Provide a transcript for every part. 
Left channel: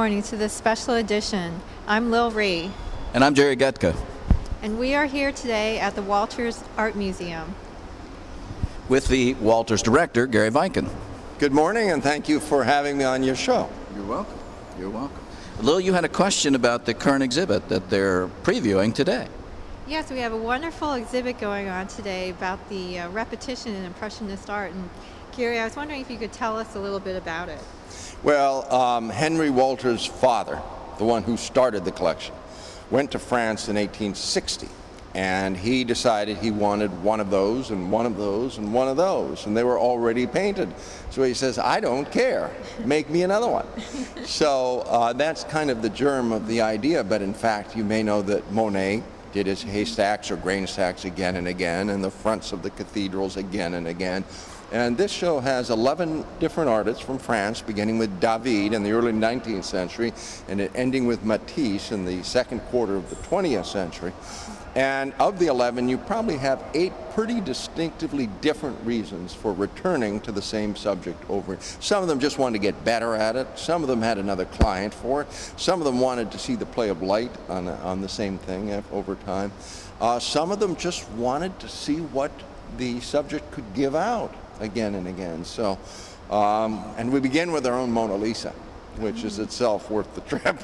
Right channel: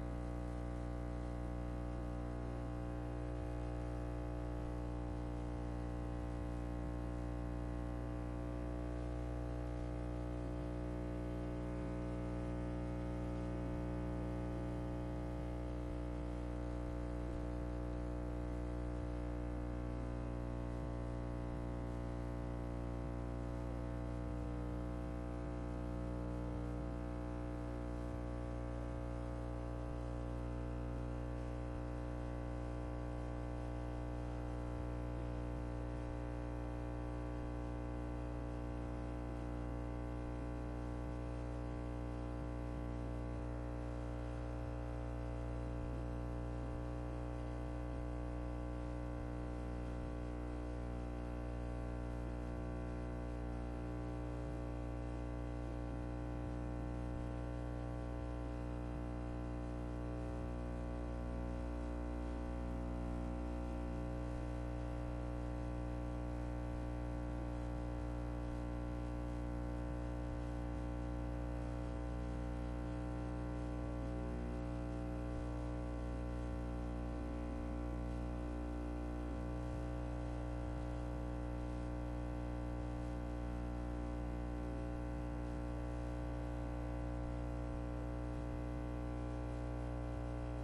morning to this special edition. I'm Lil Ree, And I'm Jerry Gutka and we are here today at the Walters Art Museum. with the Walters director, Gary Viken. Good morning, and thank you for having me on your show. You're welcome. You're welcome. Lil, you had a question about the current exhibit that they're previewing today. Yes, we have a wonderful exhibit going on today about the repetition in Impressionist art. And Gary, I was wondering if you could tell us a little bit about it. Well, Henry Walters' father, the one who started the collection, went to France in 1860, and he decided he wanted one of those and one of those and one of those, and they were already painted. So he says, I don't care, make me another one. So that's kind of the germ of the idea, but in fact you may know that Monet did his haystacks or grain stacks again and again, and the fronts of the cathedrals again and again. And this show has 11 different artists from France, beginning with David in the early 19th century and ending with Matisse in the second quarter of the 20th century. And of the 11, you probably have 8 pretty distinctively different reasons for returning to the same subject over. Some of them just wanted to get better at it. Some of them had another client for it. Some of them wanted to see the play of light on the same thing over time. Some of them just wanted to see what the subject could give out again and again. So, and we begin with our own Mona Lisa, which is itself worth the trip.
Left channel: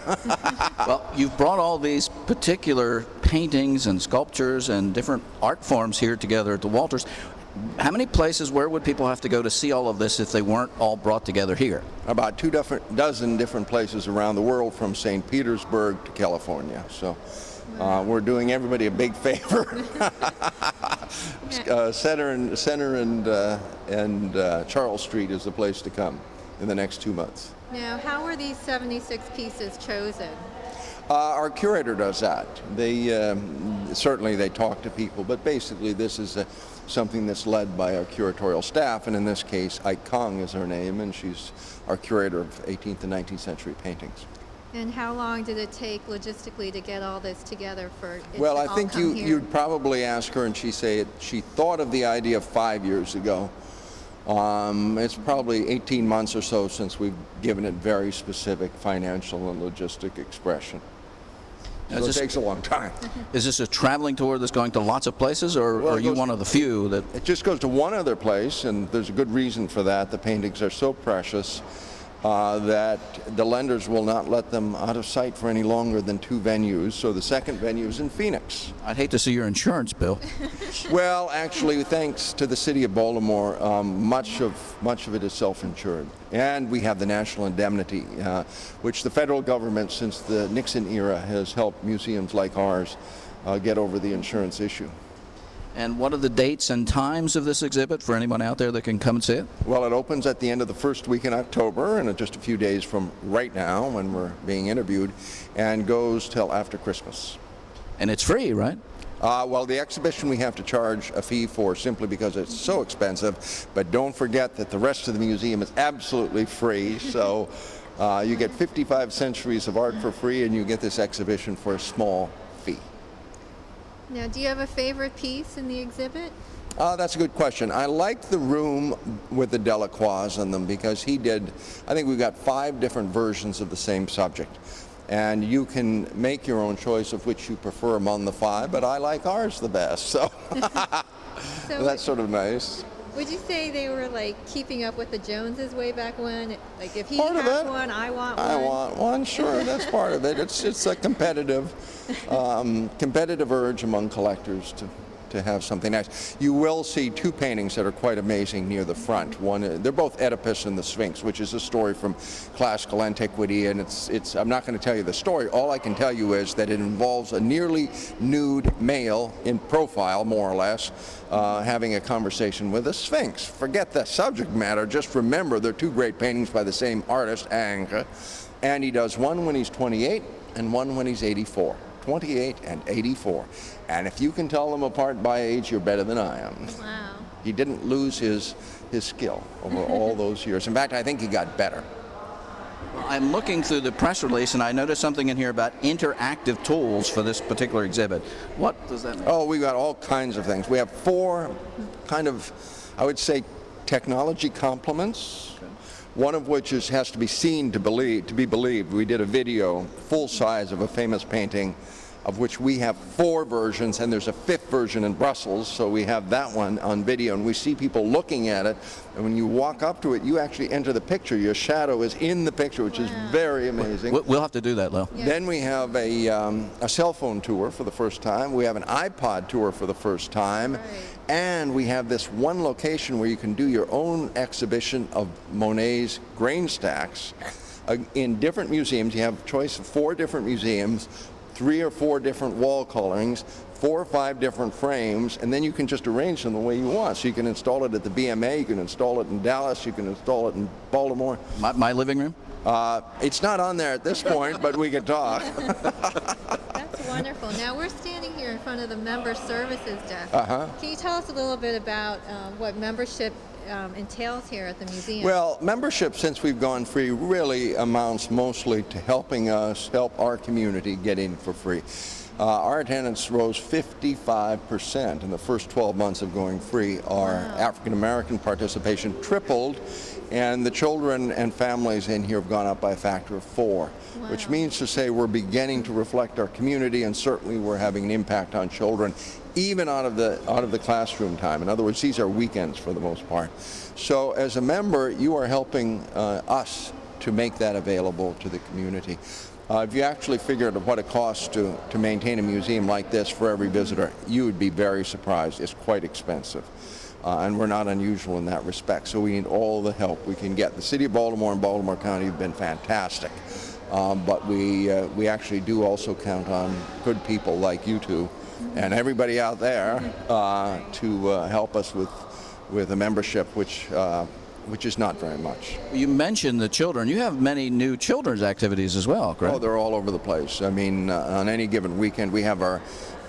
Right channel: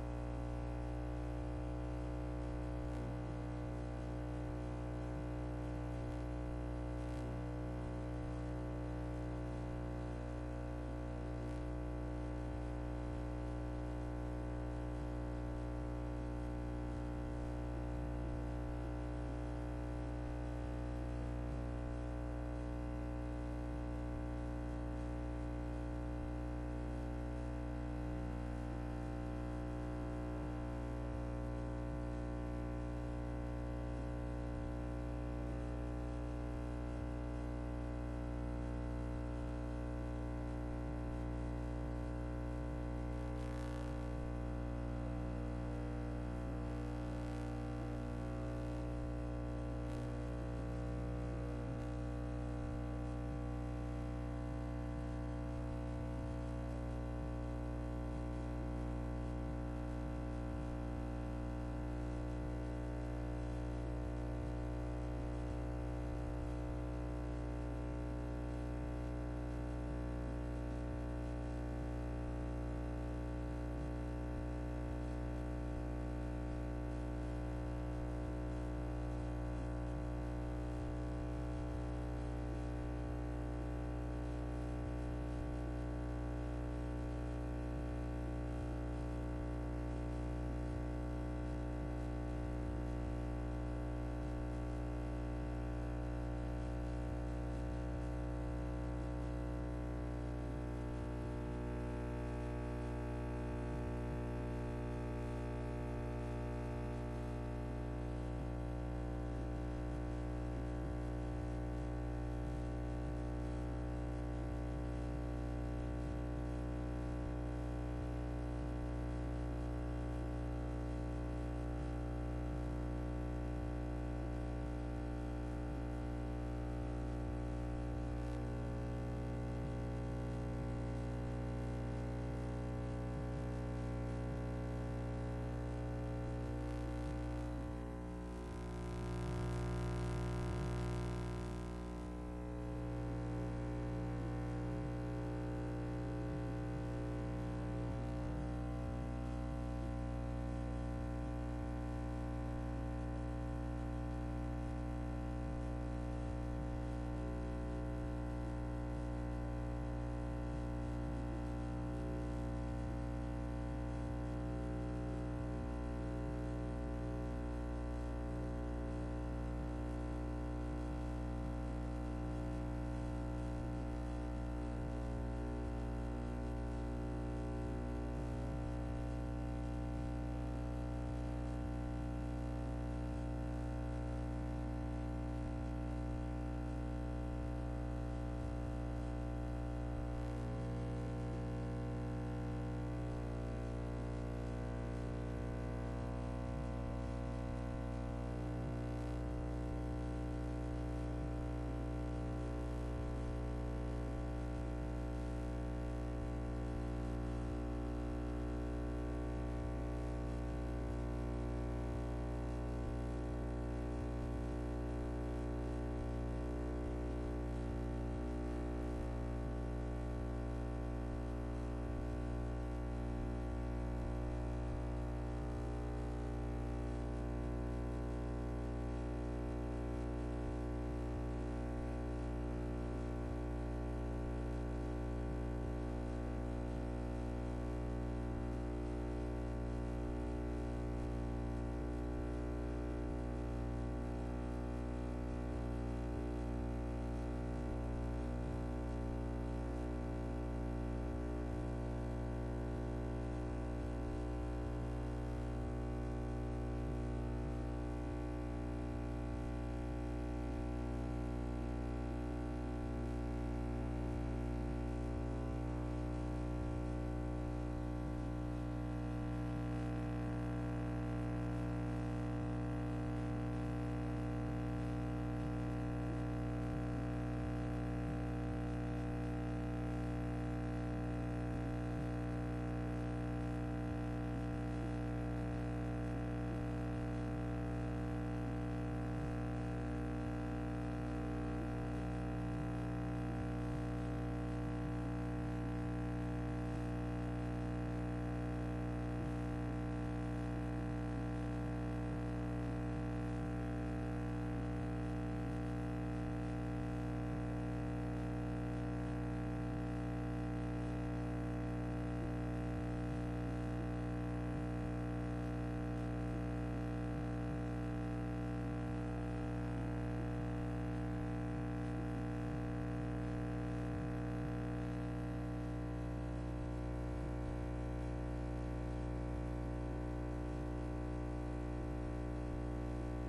Well, you've brought all these particular paintings and sculptures and different art forms here together at the Walters. How many places, where would people have to go to see all of this if they weren't all brought together here? About dozen different places around the world, from St. Petersburg to California. So we're doing everybody a big favor. Center and Charles Street is the place to come in the next 2 months. Now, how were these 76 pieces chosen? Our curator does that. They certainly they talk to people, but basically this is something that's led by our curatorial staff, and in this case, Ai Kong is her name, and she's our curator of 18th and 19th century paintings. And how long did it take logistically to get all this together for it Well, to I all think come here? you'd probably ask her, and she thought of the idea 5 years ago. It's probably 18 months or so since we've given it very specific financial and logistic expression. So it takes a long time. Is this a traveling tour that's going to lots of places, or Well, are you one of the few that... It just goes to one other place, and there's a good reason for that. The paintings are so precious that the lenders will not let them out of sight for any longer than 2 venues. So the second venue is in Phoenix. I'd hate to see your insurance bill. Well, actually, thanks to the city of Baltimore, much of it is self-insured. And we have the national indemnity, which the federal government, since the Nixon era, has helped museums like ours get over the insurance issue. And what are the dates and times of this exhibit for anyone out there that can come and see it? Well, it opens at the end of the first week in October, and just a few days from right now when we're being interviewed, and goes till after Christmas. And it's free, right? Well, the exhibition we have to charge a fee for simply because it's so expensive, but don't forget that the rest of the museum is absolutely free, so you get 55 centuries of art for free, and you get this exhibition for a small fee. Now, do you have a favorite piece in the exhibit? That's a good question. I like the room with the Delacroix in them because I think we've got 5 different versions of the same subject. And you can make your own choice of which you prefer among the 5, but I like ours the best, so, So that's sort of nice. would you say they were like keeping up with the Joneses way back when? Like if he Part of has it. one, I want one. I want one, sure, that's part of it. It's a competitive urge among collectors to have something nice. You will see 2 paintings that are quite amazing near the front. One, they're both Oedipus and the Sphinx, which is a story from classical antiquity, and I'm not going to tell you the story. All I can tell you is that it involves a nearly nude male in profile, more or less, having a conversation with a Sphinx. Forget the subject matter. Just remember they're 2 great paintings by the same artist, Ingres, and he does one when he's 28 and one when he's 84. 28 and 84. And if you can tell them apart by age, you're better than I am. Wow. He didn't lose his skill over all those years. In fact, I think he got better. I'm looking through the press release, and I noticed something in here about interactive tools for this particular exhibit. What does that mean? Oh, we've got all kinds of things. We have 4 kind of, I would say, technology complements. one of which has to be seen to be believed. We did a video, full size, of a famous painting, of which we have 4 versions, and there's a 5th version in Brussels, so we have that one on video, and we see people looking at it, and when you walk up to it, you actually enter the picture. Your shadow is in the picture, which is very amazing. We'll have to do that, Lil. Yeah. Then we have a cell phone tour for the first time. We have an iPod tour for the first time. Right. And we have this one location where you can do your own exhibition of Monet's grain stacks in different museums. You have a choice of 4 different museums, 3 or 4 different wall colorings, 4 or 5 different frames, and then you can just arrange them the way you want. So you can install it at the BMA, you can install it in Dallas, you can install it in Baltimore. My living room? It's not on there at this point, but we can talk. That's wonderful. Now we're standing here in front of the member services desk. Can you tell us a little bit about what membership entails here at the museum? Well, membership, since we've gone free, really amounts mostly to helping us help our community get in for free. Our attendance rose 55% in the first 12 months of going free. Our African American participation tripled, and the children and families in here have gone up by a factor of 4, which means to say we're beginning to reflect our community, and certainly we're having an impact on children, even out of the classroom time. In other words, these are weekends for the most part. So as a member, you are helping us to make that available to the community. If you actually figured what it costs to maintain a museum like this for every visitor, you would be very surprised. It's quite expensive. And we're not unusual in that respect. So we need all the help we can get. The City of Baltimore and Baltimore County have been fantastic. But we actually do also count on good people like you two and everybody out there to help us with a membership, which is not very much. You mentioned the children. You have many new children's activities as well, correct? Oh, they're all over the place. I mean, on any given weekend, we have our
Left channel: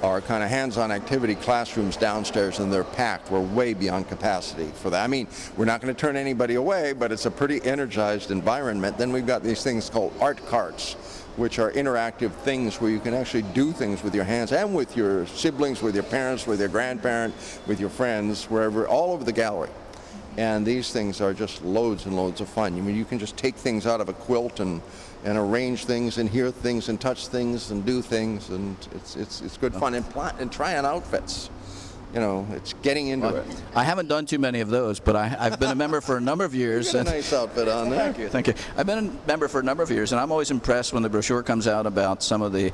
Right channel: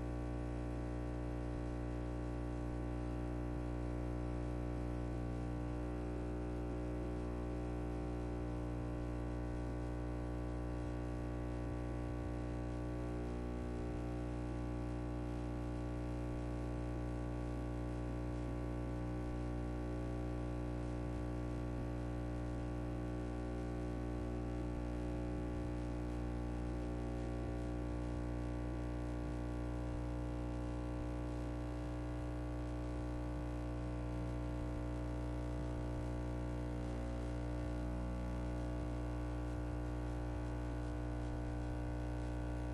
kind of hands-on activity classrooms downstairs, and they're packed. We're way beyond capacity for that. I mean, we're not going to turn anybody away, but it's a pretty energized environment. Then we've got these things called art carts, which are interactive things where you can actually do things with your hands and with your siblings, with your parents, with your grandparent, with your friends, wherever, all over the gallery. And these things are just loads and loads of fun. I mean, you can just take things out of a quilt and arrange things and hear things and touch things and do things, and it's good fun. And try on outfits. You know, it's getting into it. I haven't done too many of those, but I've been a member for a number of years. You got a nice outfit on there. Thank you, thank you. I've been a member for a number of years, and I'm always impressed when the brochure comes out about some of the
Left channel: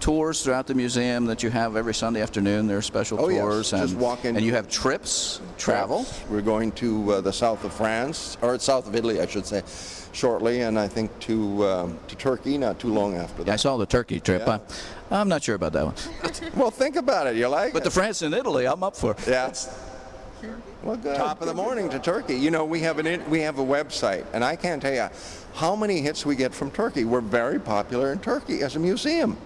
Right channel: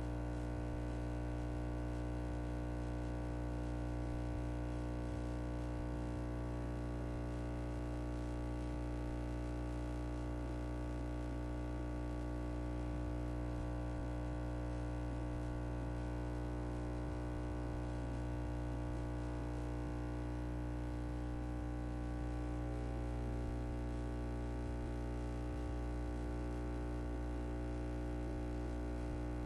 tours throughout the museum that you have every Sunday afternoon. There are special tours, yes. Just walk in. And you have travel. We're going to the south of France, or south of Italy, I should say, shortly, and I think to Turkey not too long after that. Yeah, I saw the Turkey trip. Yeah. I'm not sure about that one. Well, think about it. You like But it? the France and Italy, I'm up for. Yeah. Well, good. Top of the morning to Turkey. You know, we have a website, and I can't tell you how many hits we get from Turkey. We're very popular in Turkey as a museum.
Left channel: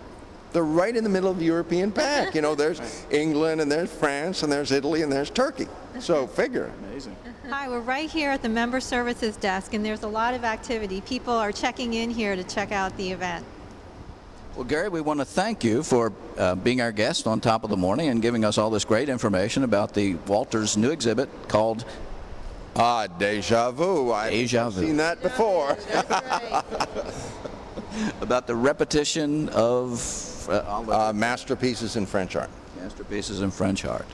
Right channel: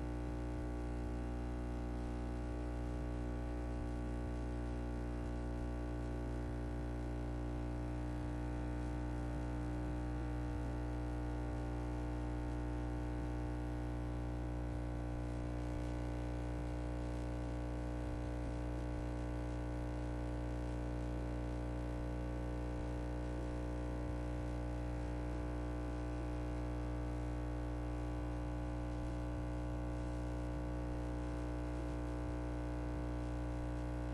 They're right in the middle of the European pack. You know, there's England, and there's France, and there's Italy, and there's Turkey. So figure. Amazing. Hi, we're right here at the member services desk, and there's a lot of activity. People are checking in here to check out the event. Well, Gary, we want to thank you for being our guest on Top of the Morning and giving us all this great information about the Walters' new exhibit called Deja Vu. Deja I've Vu. seen that before. That's right. about the repetition of Masterpieces in French art. masterpieces in French art.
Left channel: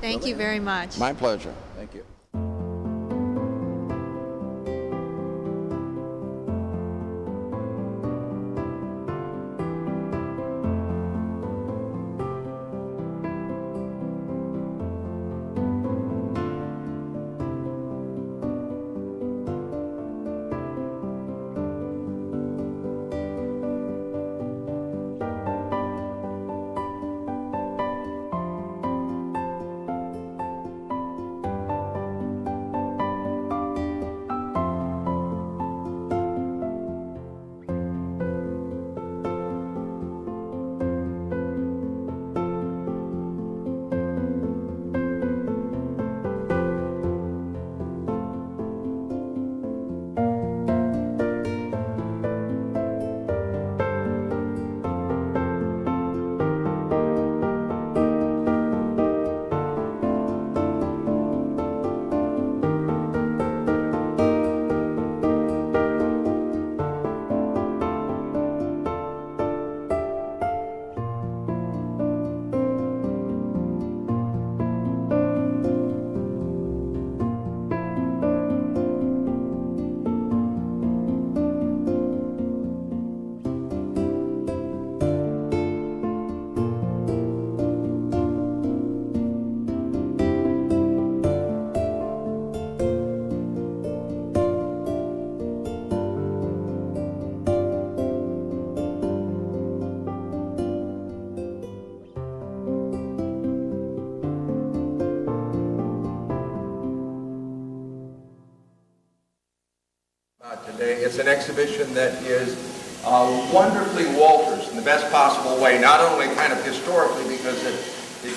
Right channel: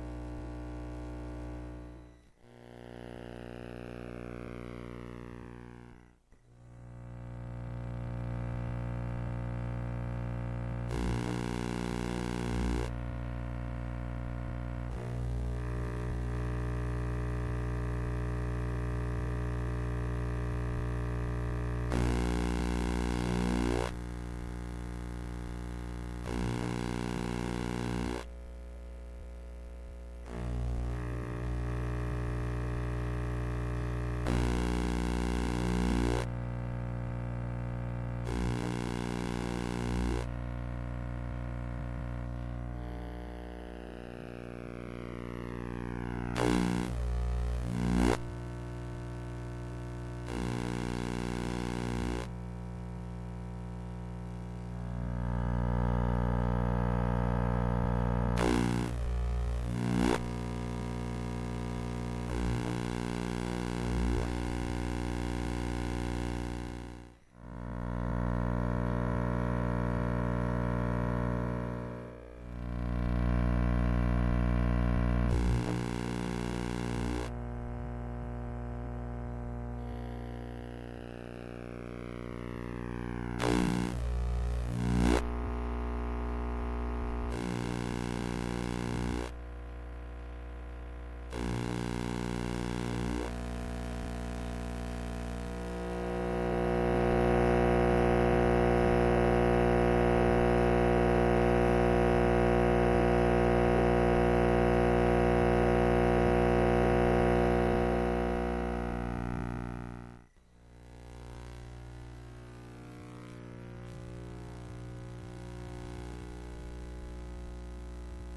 Thank you very much. My pleasure. Thank you. It's an exhibition that is wonderfully Walters in the best possible way, not only kind of historically because it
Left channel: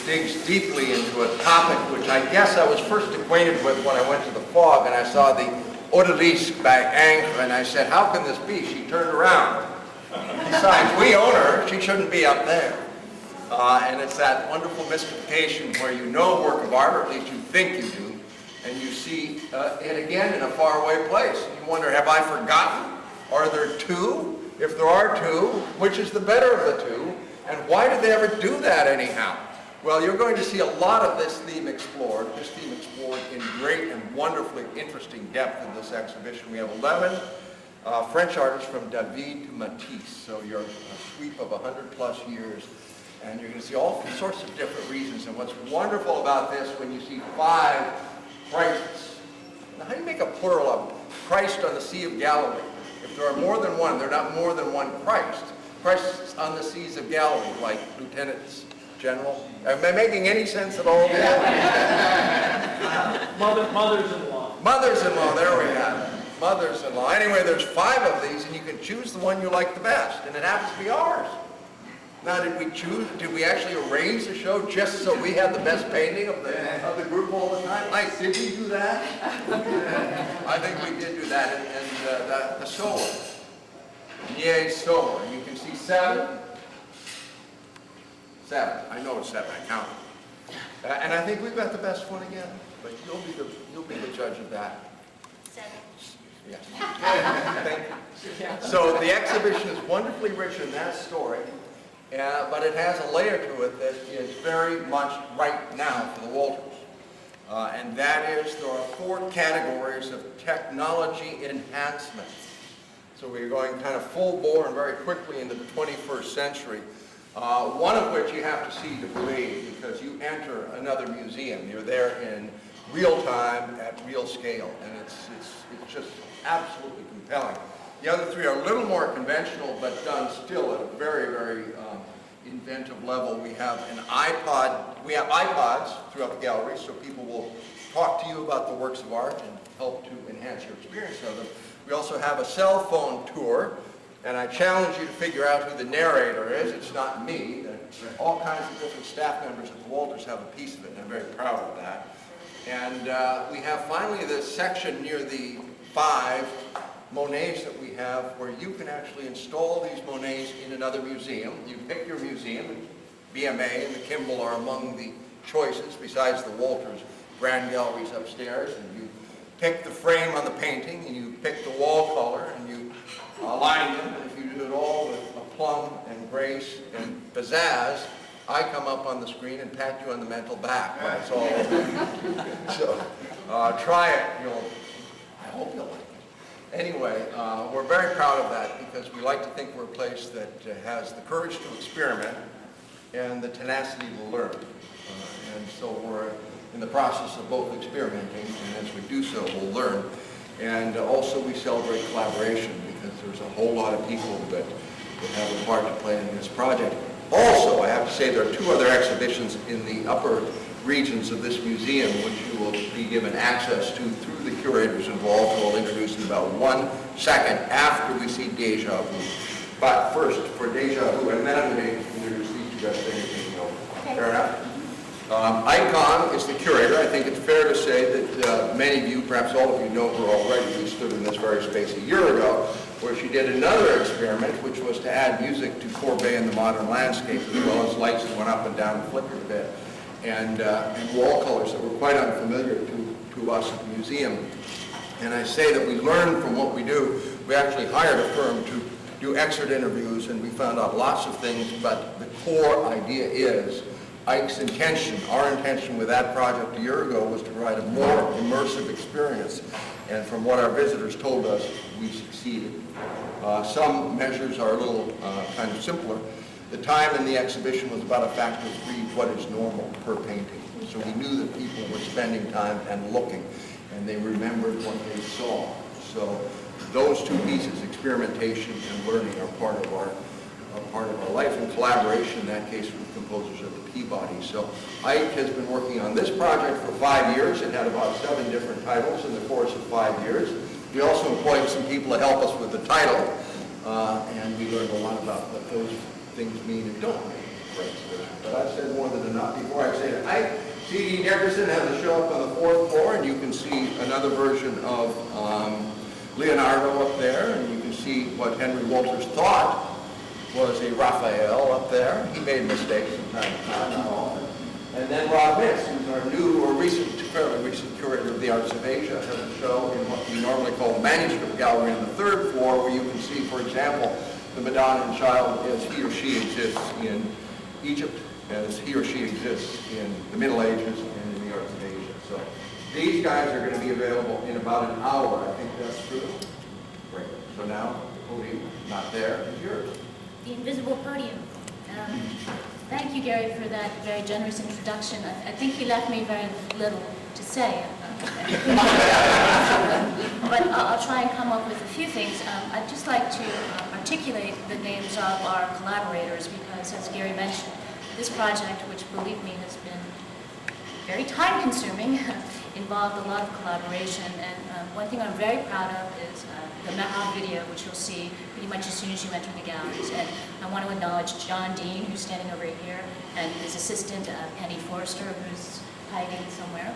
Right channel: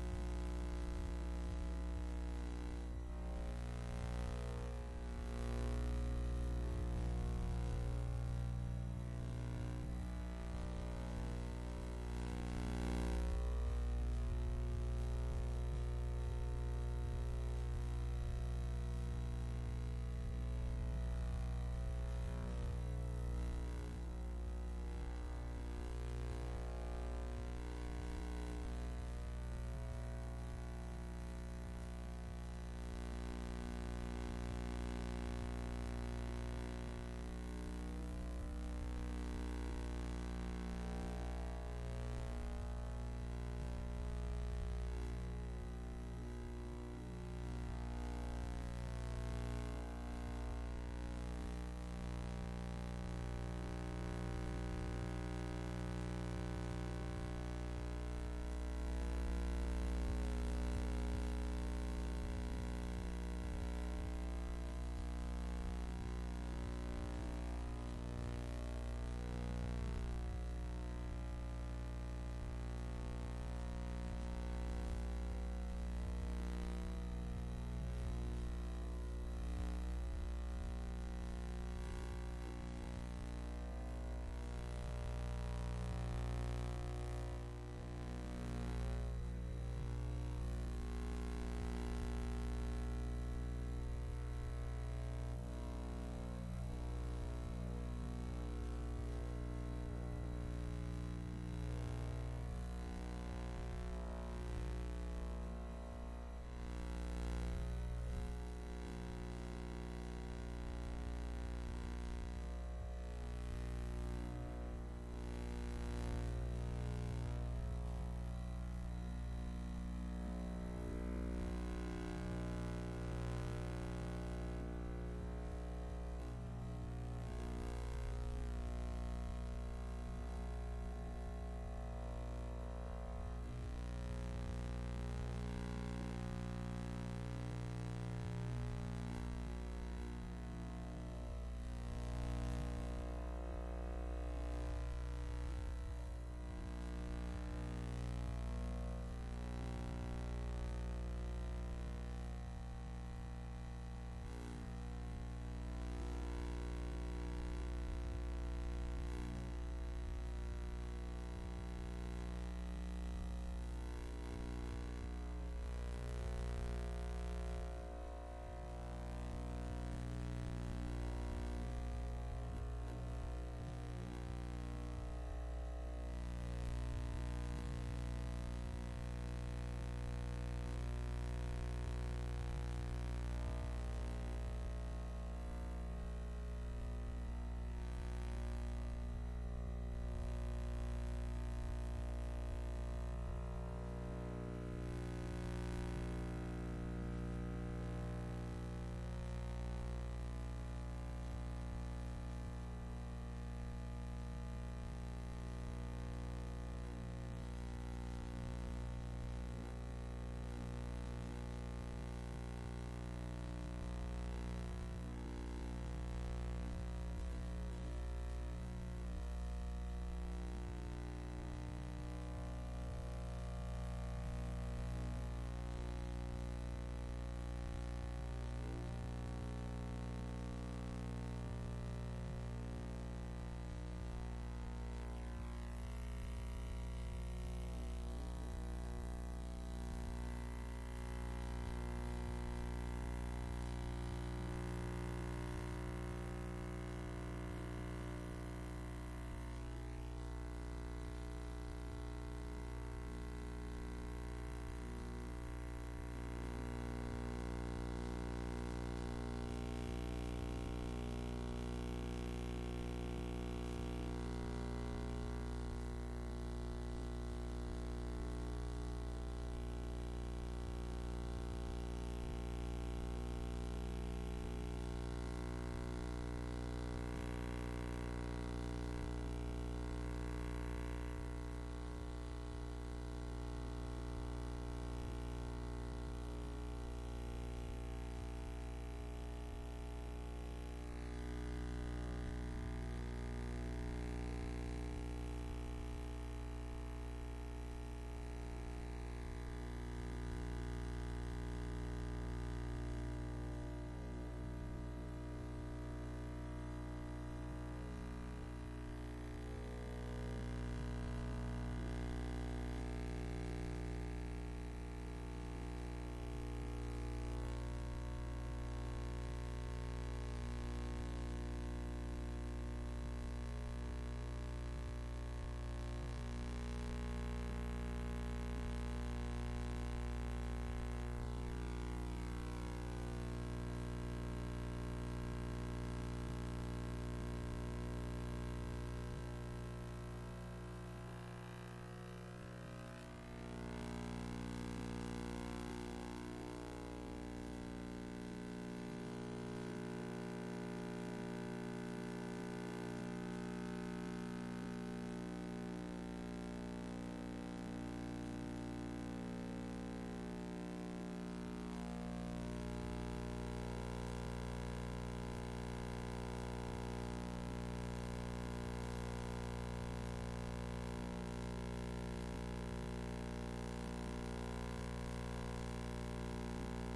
digs deeply into a topic which I guess I was first acquainted with when I went to the Fog and I saw the Odalisque by Ingres, and I said, how can this be? She turned around. Besides, we own her. She shouldn't be up there. And it's that wonderful mystification where you know a work of art, or at least you think you do, and you see it again in a faraway place. You wonder, have I forgotten? Are there two? If there are two, which is the better of the two? And why did they ever do that anyhow? Well, you're going to see a lot of this theme explored in great and wonderfully interesting depth in this exhibition. We have 11 French artists from David Matisse, so you're a sweep of 100 plus years, and you're going to see all sorts of different reasons. And what's wonderful about this, when you see 5 Christs, now how do you make a plural of Christ on the Sea of Galilee? If there are more than one, they're not more than one Christ. Christ on the seas of Galilee, like lieutenants general. Am I making any sense at all? Mothers-in-law. Mothers-in-law, there we have it. Mothers-in-law. Anyway, there's 5 of these, and you can choose the one you like the best, and it happens to be ours. Now, did we actually arrange the show just so we had the best painting of the group all the time? Did we do that? I think we did do that, and the solo. Yay, solo. You can see 7. 7. I know it's 7. I count. And I think we've got the best one again. But you'll be the judge of that. 7. Yes. Thank you. So the exhibition is wonderfully rich in that story, but it has a layer to it that is very much right now for the Walters. And that is there are 4 categories of technology enhancement. So we're going kind of full bore and very quickly into the 21st century. One of which you have to see to believe, because you enter another museum. You're there in real time at real scale, and it's just absolutely compelling. The other 3 are a little more conventional, but done still at a very, very inventive level. We have an iPod. We have iPods throughout the gallery, so people will talk to you about the works of art and help to enhance your experience of them. We also have a cell phone tour. And I challenge you to figure out who the narrator is. It's not me. All kinds of different staff members at the Walters have a piece of it, and I'm very proud of that. And we have finally this section near the 5 Monets that we have where you can actually install these Monets in another museum. You pick your museum, and BMA and the Kimball are among the choices, besides the Walters Grand Galleries upstairs. And you pick the frame on the painting, and you pick the wall color, and you align them, and if you do it all with aplomb and grace and pizzazz, I come up on the screen and pat you on the mental back when it's all over. So try it. I hope you'll like it. Anyway, we're very proud of that because we like to think we're a place that has the courage to experiment and the tenacity to learn. And so we're in the process of both experimenting, and as we do so, we'll learn. And also we celebrate collaboration because there's a whole lot of people that have a part to play in this project. Also, I have to say there are 2 other exhibitions in the upper regions of this museum which you will be given access to through the curators involved, who I'll introduce in about 1 second after we see Deja Vu. But first, for Deja Vu, and then I'm going to introduce these 2 guys that you're taking over. Fair enough? Icon is the curator. I think it's fair to say that many of you, perhaps all of you, know her already. We stood in this very space a year ago where she did another experiment, which was to add music to Courbet and the modern landscape, as well as lights that went up and down and flickered a bit, and wall colors that were quite unfamiliar to us at the museum. And I say that we learn from what we do. We actually hired a firm to do exit interviews, and we found out lots of things, but the core idea is Ike's intention, our intention with that project a year ago was to provide a more immersive experience. And from what our visitors told us, we succeeded. Some measures are a little kind of simpler. The time in the exhibition was about a factor of 3 what is normal per painting. So we knew that people were spending time and looking, and they remembered what they saw. So those 2 pieces, experimentation and learning, are part of our life, and collaboration, in that case, with composers at the Peabody. So Ike has been working on this project for 5 years. It had about 7 different titles in the course of 5 years. We also employed some people to help us with the title, and we learned a lot about what those things mean and don't mean, for instance. But I've said more than enough. Before I say that, C.D. Nickerson has a show up on the 4th floor, and you can see another version of Leonardo up there, and you can see what Henry Walters thought was a Raphael up there. He made mistakes from time to time, not often. And then Rob Mintz, who's our new or fairly recent curator of the Arts of Asia, has a show in what we normally call the Manuscript Gallery on the 3rd floor, where you can see, for example, the Madonna and Child as he or she exists in Egypt, as he or she exists in the Middle Ages and in the Arts of Asia. So these guys are going to be available in about an hour. I think that's true. Great. So now, podium not there is yours. The invisible podium. Thank you, Gary, for that very generous introduction. I think you left me very little to say. But I'll try and come up with a few things. I'd just like to articulate the names of our collaborators because, as Gary mentioned, this project, which, believe me, has been very time-consuming, involved a lot of collaboration. And one thing I'm very proud of is the Meha video, which you'll see pretty much as soon as you enter the galleries. And I want to acknowledge John Dean, who's standing over here, and his assistant, Penny Forrester, who's hiding somewhere.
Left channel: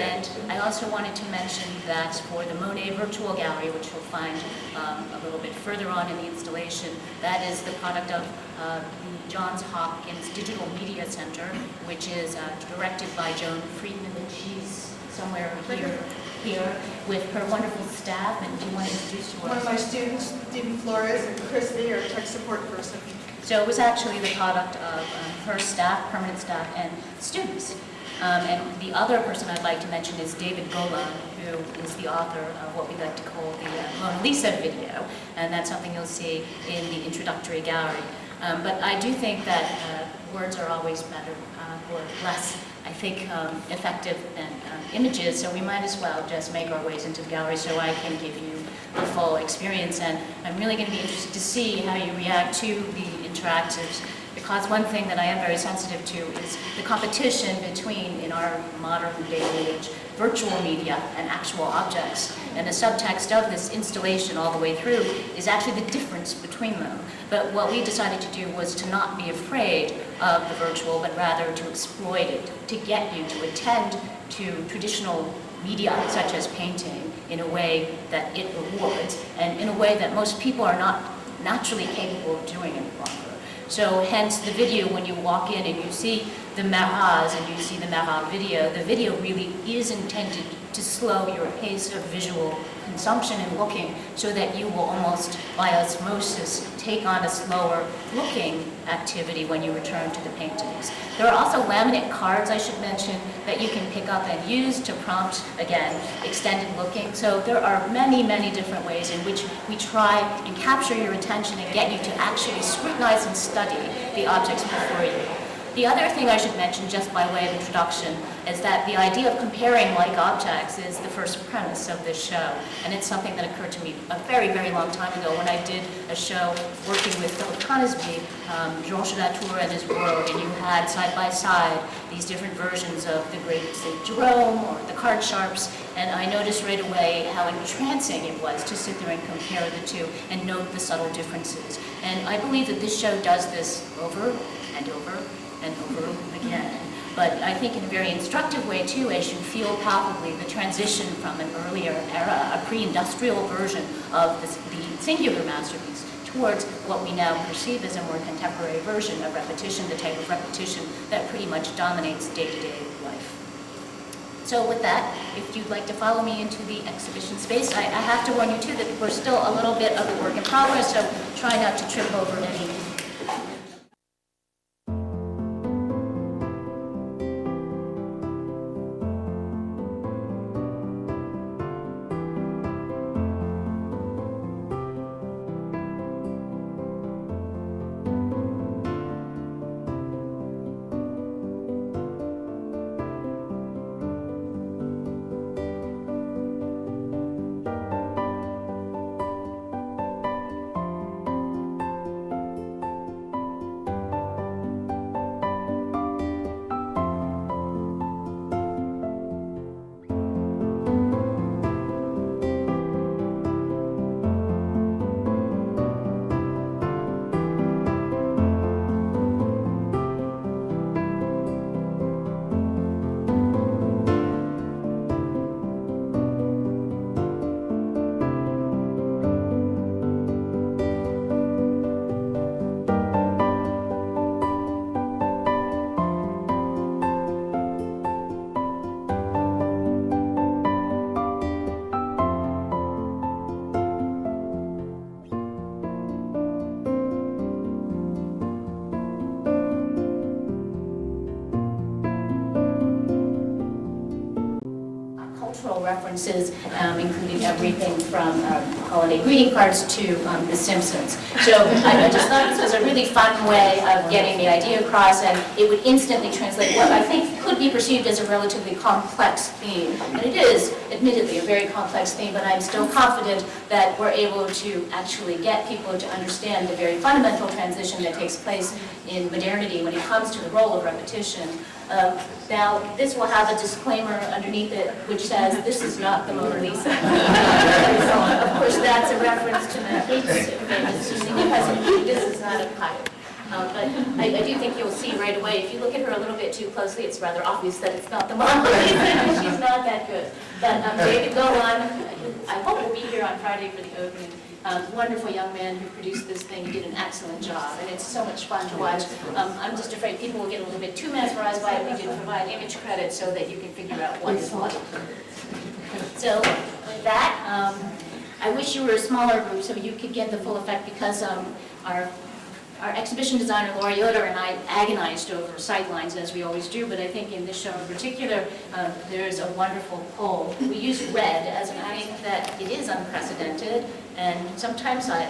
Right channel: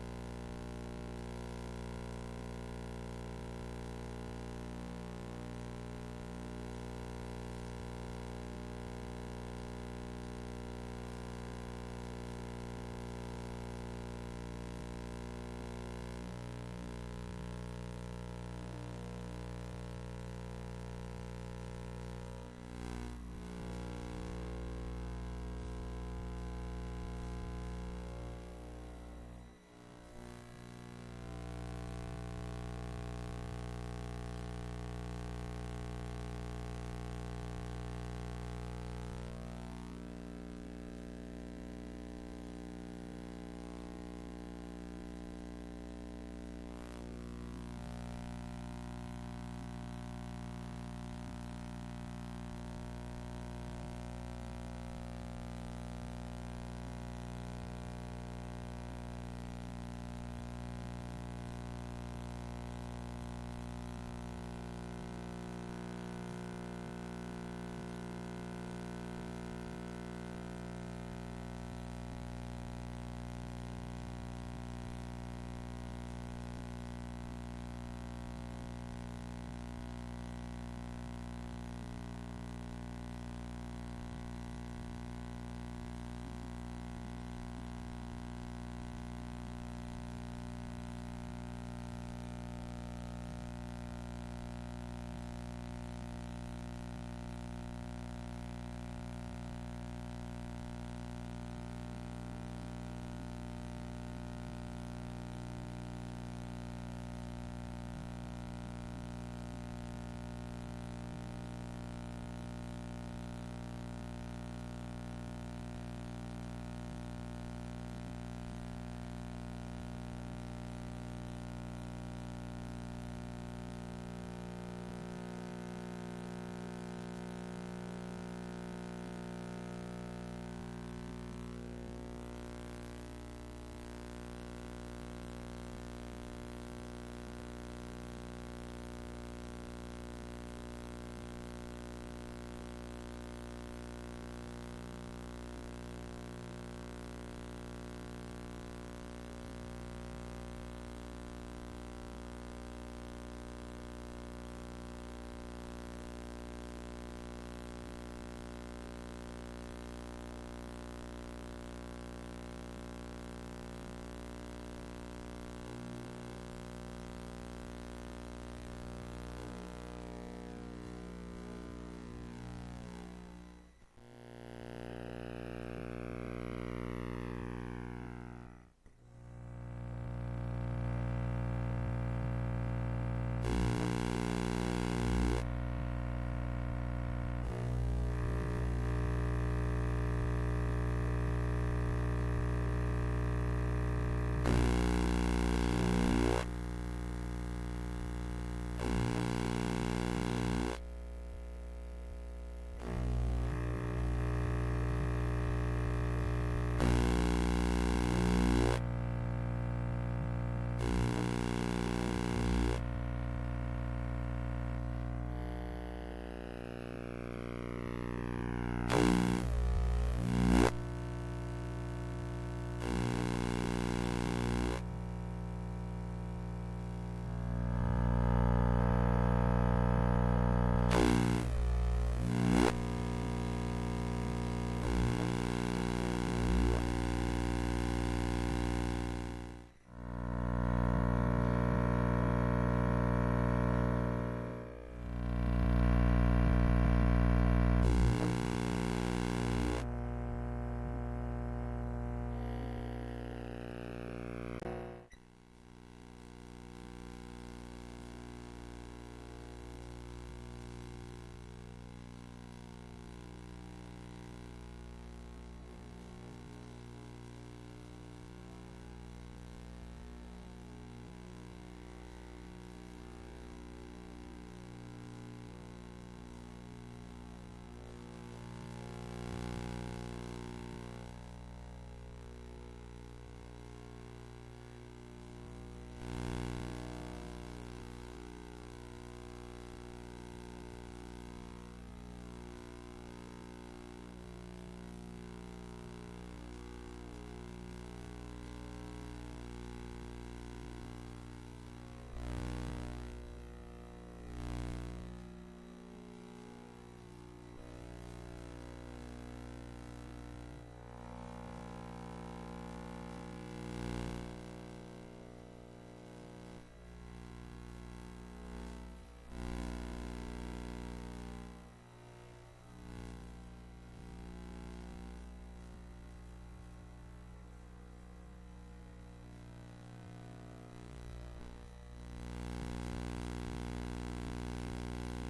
And I also wanted to mention that for the Monet Virtual Gallery, which you'll find a little bit further on in the installation, that is the product of the Johns Hopkins Digital Media Center, which is directed by Joan Friedman, and she's somewhere here with her wonderful staff. And do you want to introduce yours? One of my students, Stephen Flores, and Christy, our tech support person. So it was actually the product of her staff, permanent staff, and students. And the other person I'd like to mention is David Golan, who is the author of what we like to call the Mona Lisa video, and that's something you'll see in the introductory gallery. But I do think that words are always better or less, I think, effective than images, so we might as well just make our ways into the gallery so I can give you the full experience. And I'm really going to be interested to see how you react to the interactives, because one thing that I am very sensitive to is the competition between, in our modern day and age, virtual media and actual objects. And the subtext of this installation all the way through is actually the difference between them. But what we decided to do was to not be afraid of the virtual, but rather to exploit it, to get you to attend to traditional media such as painting in a way that it rewards, and in a way that most people are not naturally capable of doing any longer. So hence the video, when you walk in and you see the Mehas and you see the Meha video, the video really is intended to slow your pace of visual consumption and looking, so that you will almost by osmosis take on a slower looking activity when you return to the paintings. There are also laminate cards, I should mention, that you can pick up and use to prompt, again, extended looking. So there are many, many different ways in which we try and capture your attention and get you to actually scrutinize and study the objects before you. The other thing I should mention, just by way of introduction, is that the idea of comparing like objects is the first premise of this show. And it's something that occurred to me a very, very long time ago when I did a show working with Philip Conisbee, Georges Latour and his world, and you had side by side these different versions of the great St. Jerome or the card sharps, and I noticed right away how entrancing it was to sit there and compare the two and note the subtle differences. And I believe that this show does this over and over and over again. But I think in a very instructive way too, as you feel palpably the transition from an earlier era, a pre-industrial version of the singular masterpiece, towards what we now perceive as a more contemporary version of repetition, the type of repetition that pretty much dominates day-to-day life. So with that, if you'd like to follow me into the exhibition space, I have to warn you too that we're still a little bit of a work in progress, so try not to trip over any references, including everything from holiday greeting cards to The Simpsons. So I just thought this was a really fun way of getting the idea across, and it would instantly translate what I think could be perceived as a relatively complex theme. And it is, admittedly, a very complex theme, but I'm still confident that we're able to actually get people to understand the very fundamental transition that takes place in modernity when it comes to the role of repetition. Now, this will have a disclaimer underneath it which says, this is not the Mona Lisa. So, of course, that's a reference to Matthias' famous because this is not a pilot. But I do think you'll see right away, if you look at her a little bit too closely, it's rather obvious that it's not the Mona Lisa. She's not that good. But David Golan, I hope will be here on Friday for the opening. Wonderful young man who produced this thing. He did an excellent job, and it's so much fun to watch. I'm just afraid people will get a little bit too mesmerized by it. We did provide image credit so that you can figure out what is what. So with that, I wish you were a smaller group so you could get the full effect, because our exhibition designer, Laura Yoder, and I agonized over sightlines, as we always do, but I think in this show in particular, there's a wonderful pull. We use red, as I think that it is unprecedented, and sometimes I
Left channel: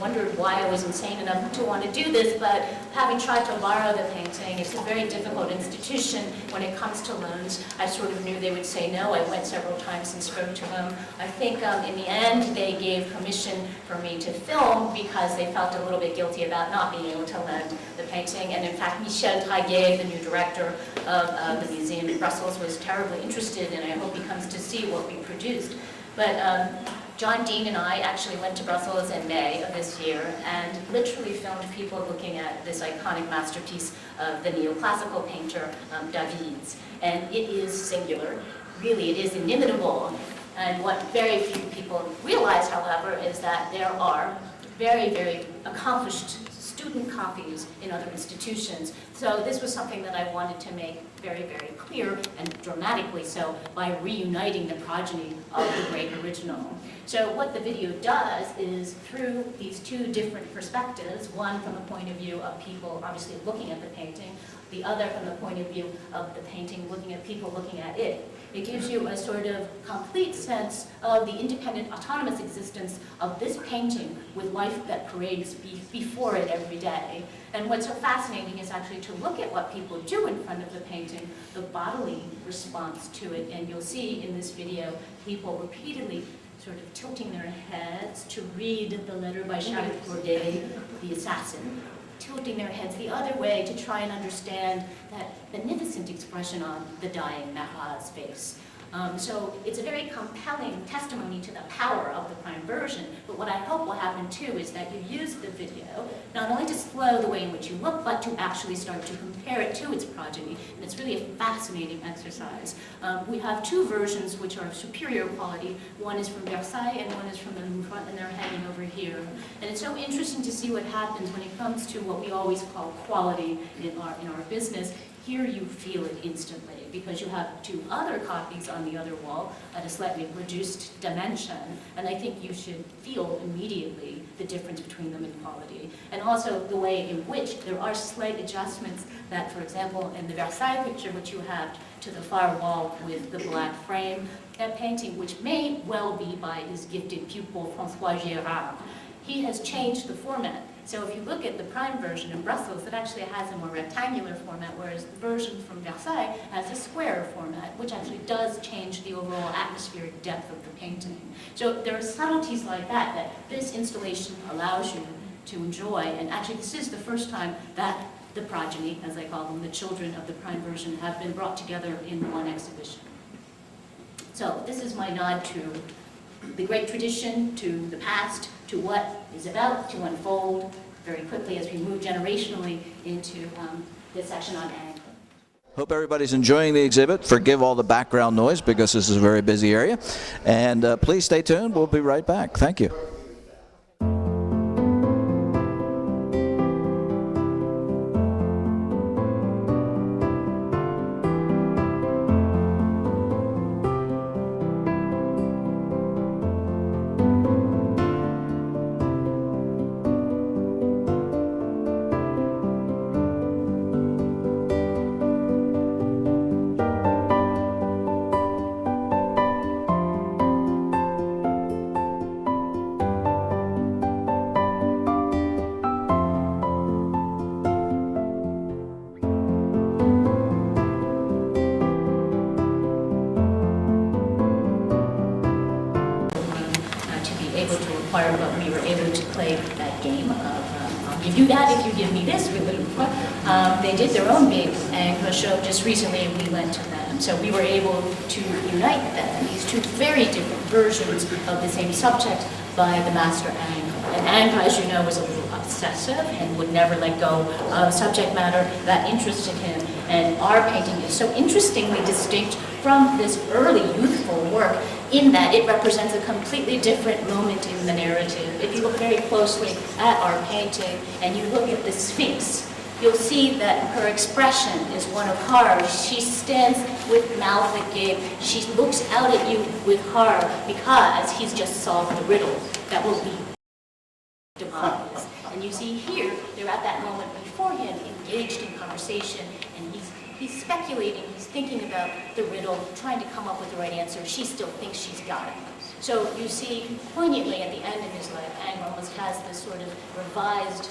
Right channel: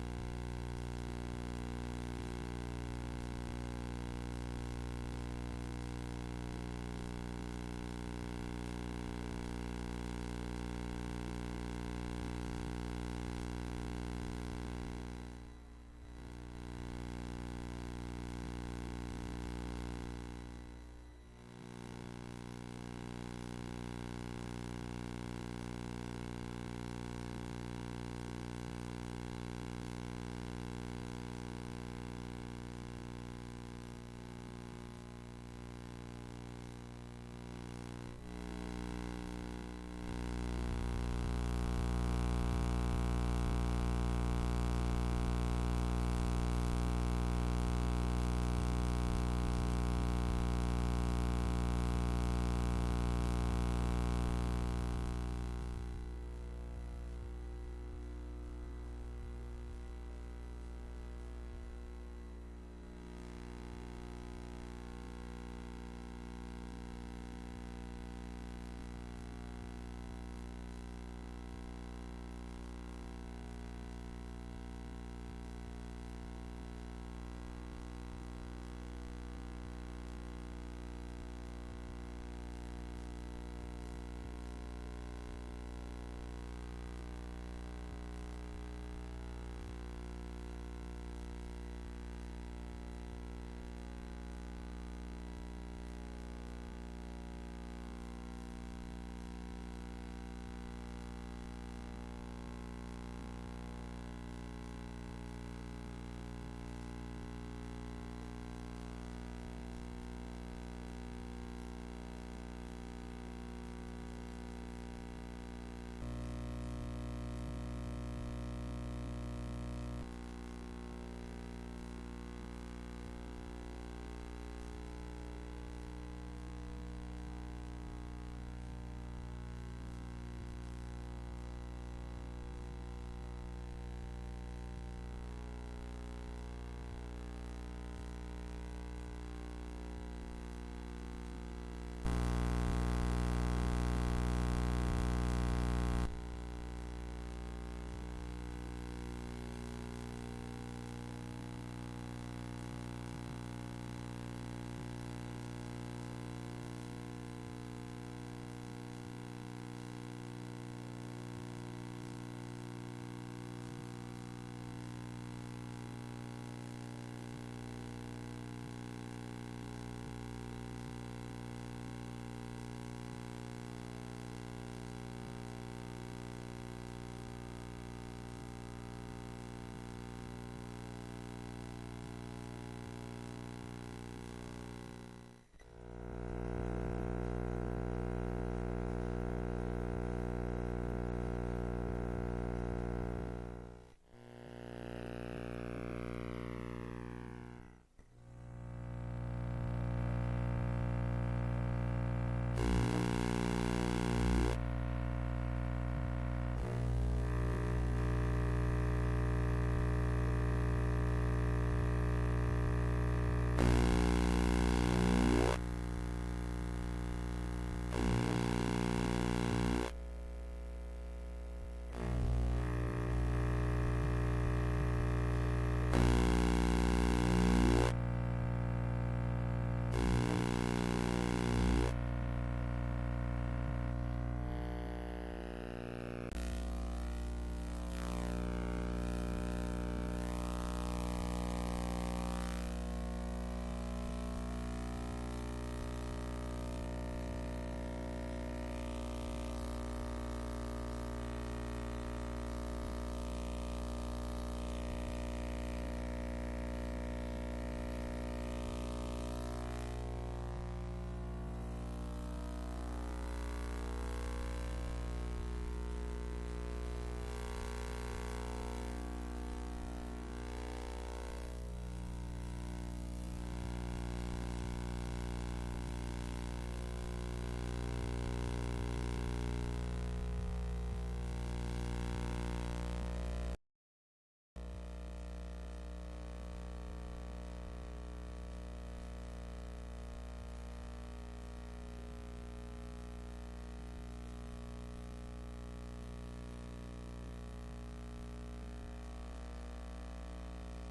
wondered why I was insane enough to want to do this, but having tried to borrow the painting, it's a very difficult institution when it comes to loans. I sort of knew they would say no. I went several times and spoke to them. I think in the end they gave permission for me to film because they felt a little bit guilty about not being able to lend the painting. And in fact, Michel Traguet, the new director of the museum in Brussels, was terribly interested, and I hope he comes to see what we produced. But John Dean and I actually went to Brussels in May of this year and literally filmed people looking at this iconic masterpiece of the neoclassical painter David's. And it is singular. Really, it is inimitable. And what very few people realize, however, is that there are very, very accomplished student copies in other institutions. So this was something that I wanted to make very, very clear, and dramatically so, by reuniting the progeny of the great original. So what the video does is, through these two different perspectives, one from the point of view of people obviously looking at the painting, the other from the point of view of the painting looking at people looking at it, it gives you a sort of complete sense of the independent, autonomous existence of this painting with life that parades before it every day. And what's so fascinating is actually to look at what people do in front of the painting, the bodily response to it. And you'll see in this video people repeatedly sort of tilting their heads to read the letter by Charles Corday, the assassin, tilting their heads the other way to try and understand that beneficent expression on the dying Marat's face. So it's a very compelling testimony to the power of the prime version, but what I hope will happen too is that you use the video not only to slow the way in which you look, but to actually start to compare it to its progeny, and it's really a fascinating exercise. We have two versions which are of superior quality. One is from Versailles and one is from the Louvre, and they're hanging over here. And it's so interesting to see what happens when it comes to what we always call quality in our business. Here you feel it instantly, because you have two other copies on the other wall at a slightly reduced dimension, and I think you should feel immediately the difference between them in quality. And also the way in which there are slight adjustments that, for example, in the Versailles picture, which you have to the far wall with the black frame, that painting, which may well be by his gifted pupil, François Gérard, he has changed the format. So if you look at the prime version in Brussels, it actually has a more rectangular format, whereas the version from Versailles has a square format, which actually does change the overall atmospheric depth of the painting. So there are subtleties like that that this installation allows you to enjoy, and actually this is the first time that the progeny, as I call them, the children of the prime version, have been brought together in one exhibition. So this is my nod to the great tradition, to the past, to what is about to unfold very quickly as we move generationally into this section on ag. Hope everybody's enjoying the exhibit. Forgive all the background noise because this is a very busy area. And please stay tuned. We'll be right back. Thank you. do that if you give me this. They did their own big Angre show just recently, and we went to them. So we were able to unite them, these two very different versions of the same subject, by the master Angre. And Angre, as you know, was a little obsessive and would never let go of subject matter that interested him. And our painting is so interestingly distinct from this early youthful work in that it represents a completely different moment in the narrative. If you look very closely at our painting and you look at the Sphinx, you'll see that her expression is one of horror. She stands with mouth agape. She looks out at you with horror because he's just solved the riddle that will lead to demise. And you see here, they're at that moment before him, engaged in conversation, and he's speculating, he's thinking about the riddle, trying to come up with the right answer. She still thinks she's got it. So you see, poignantly at the end of his life, Angre almost has this sort of revised,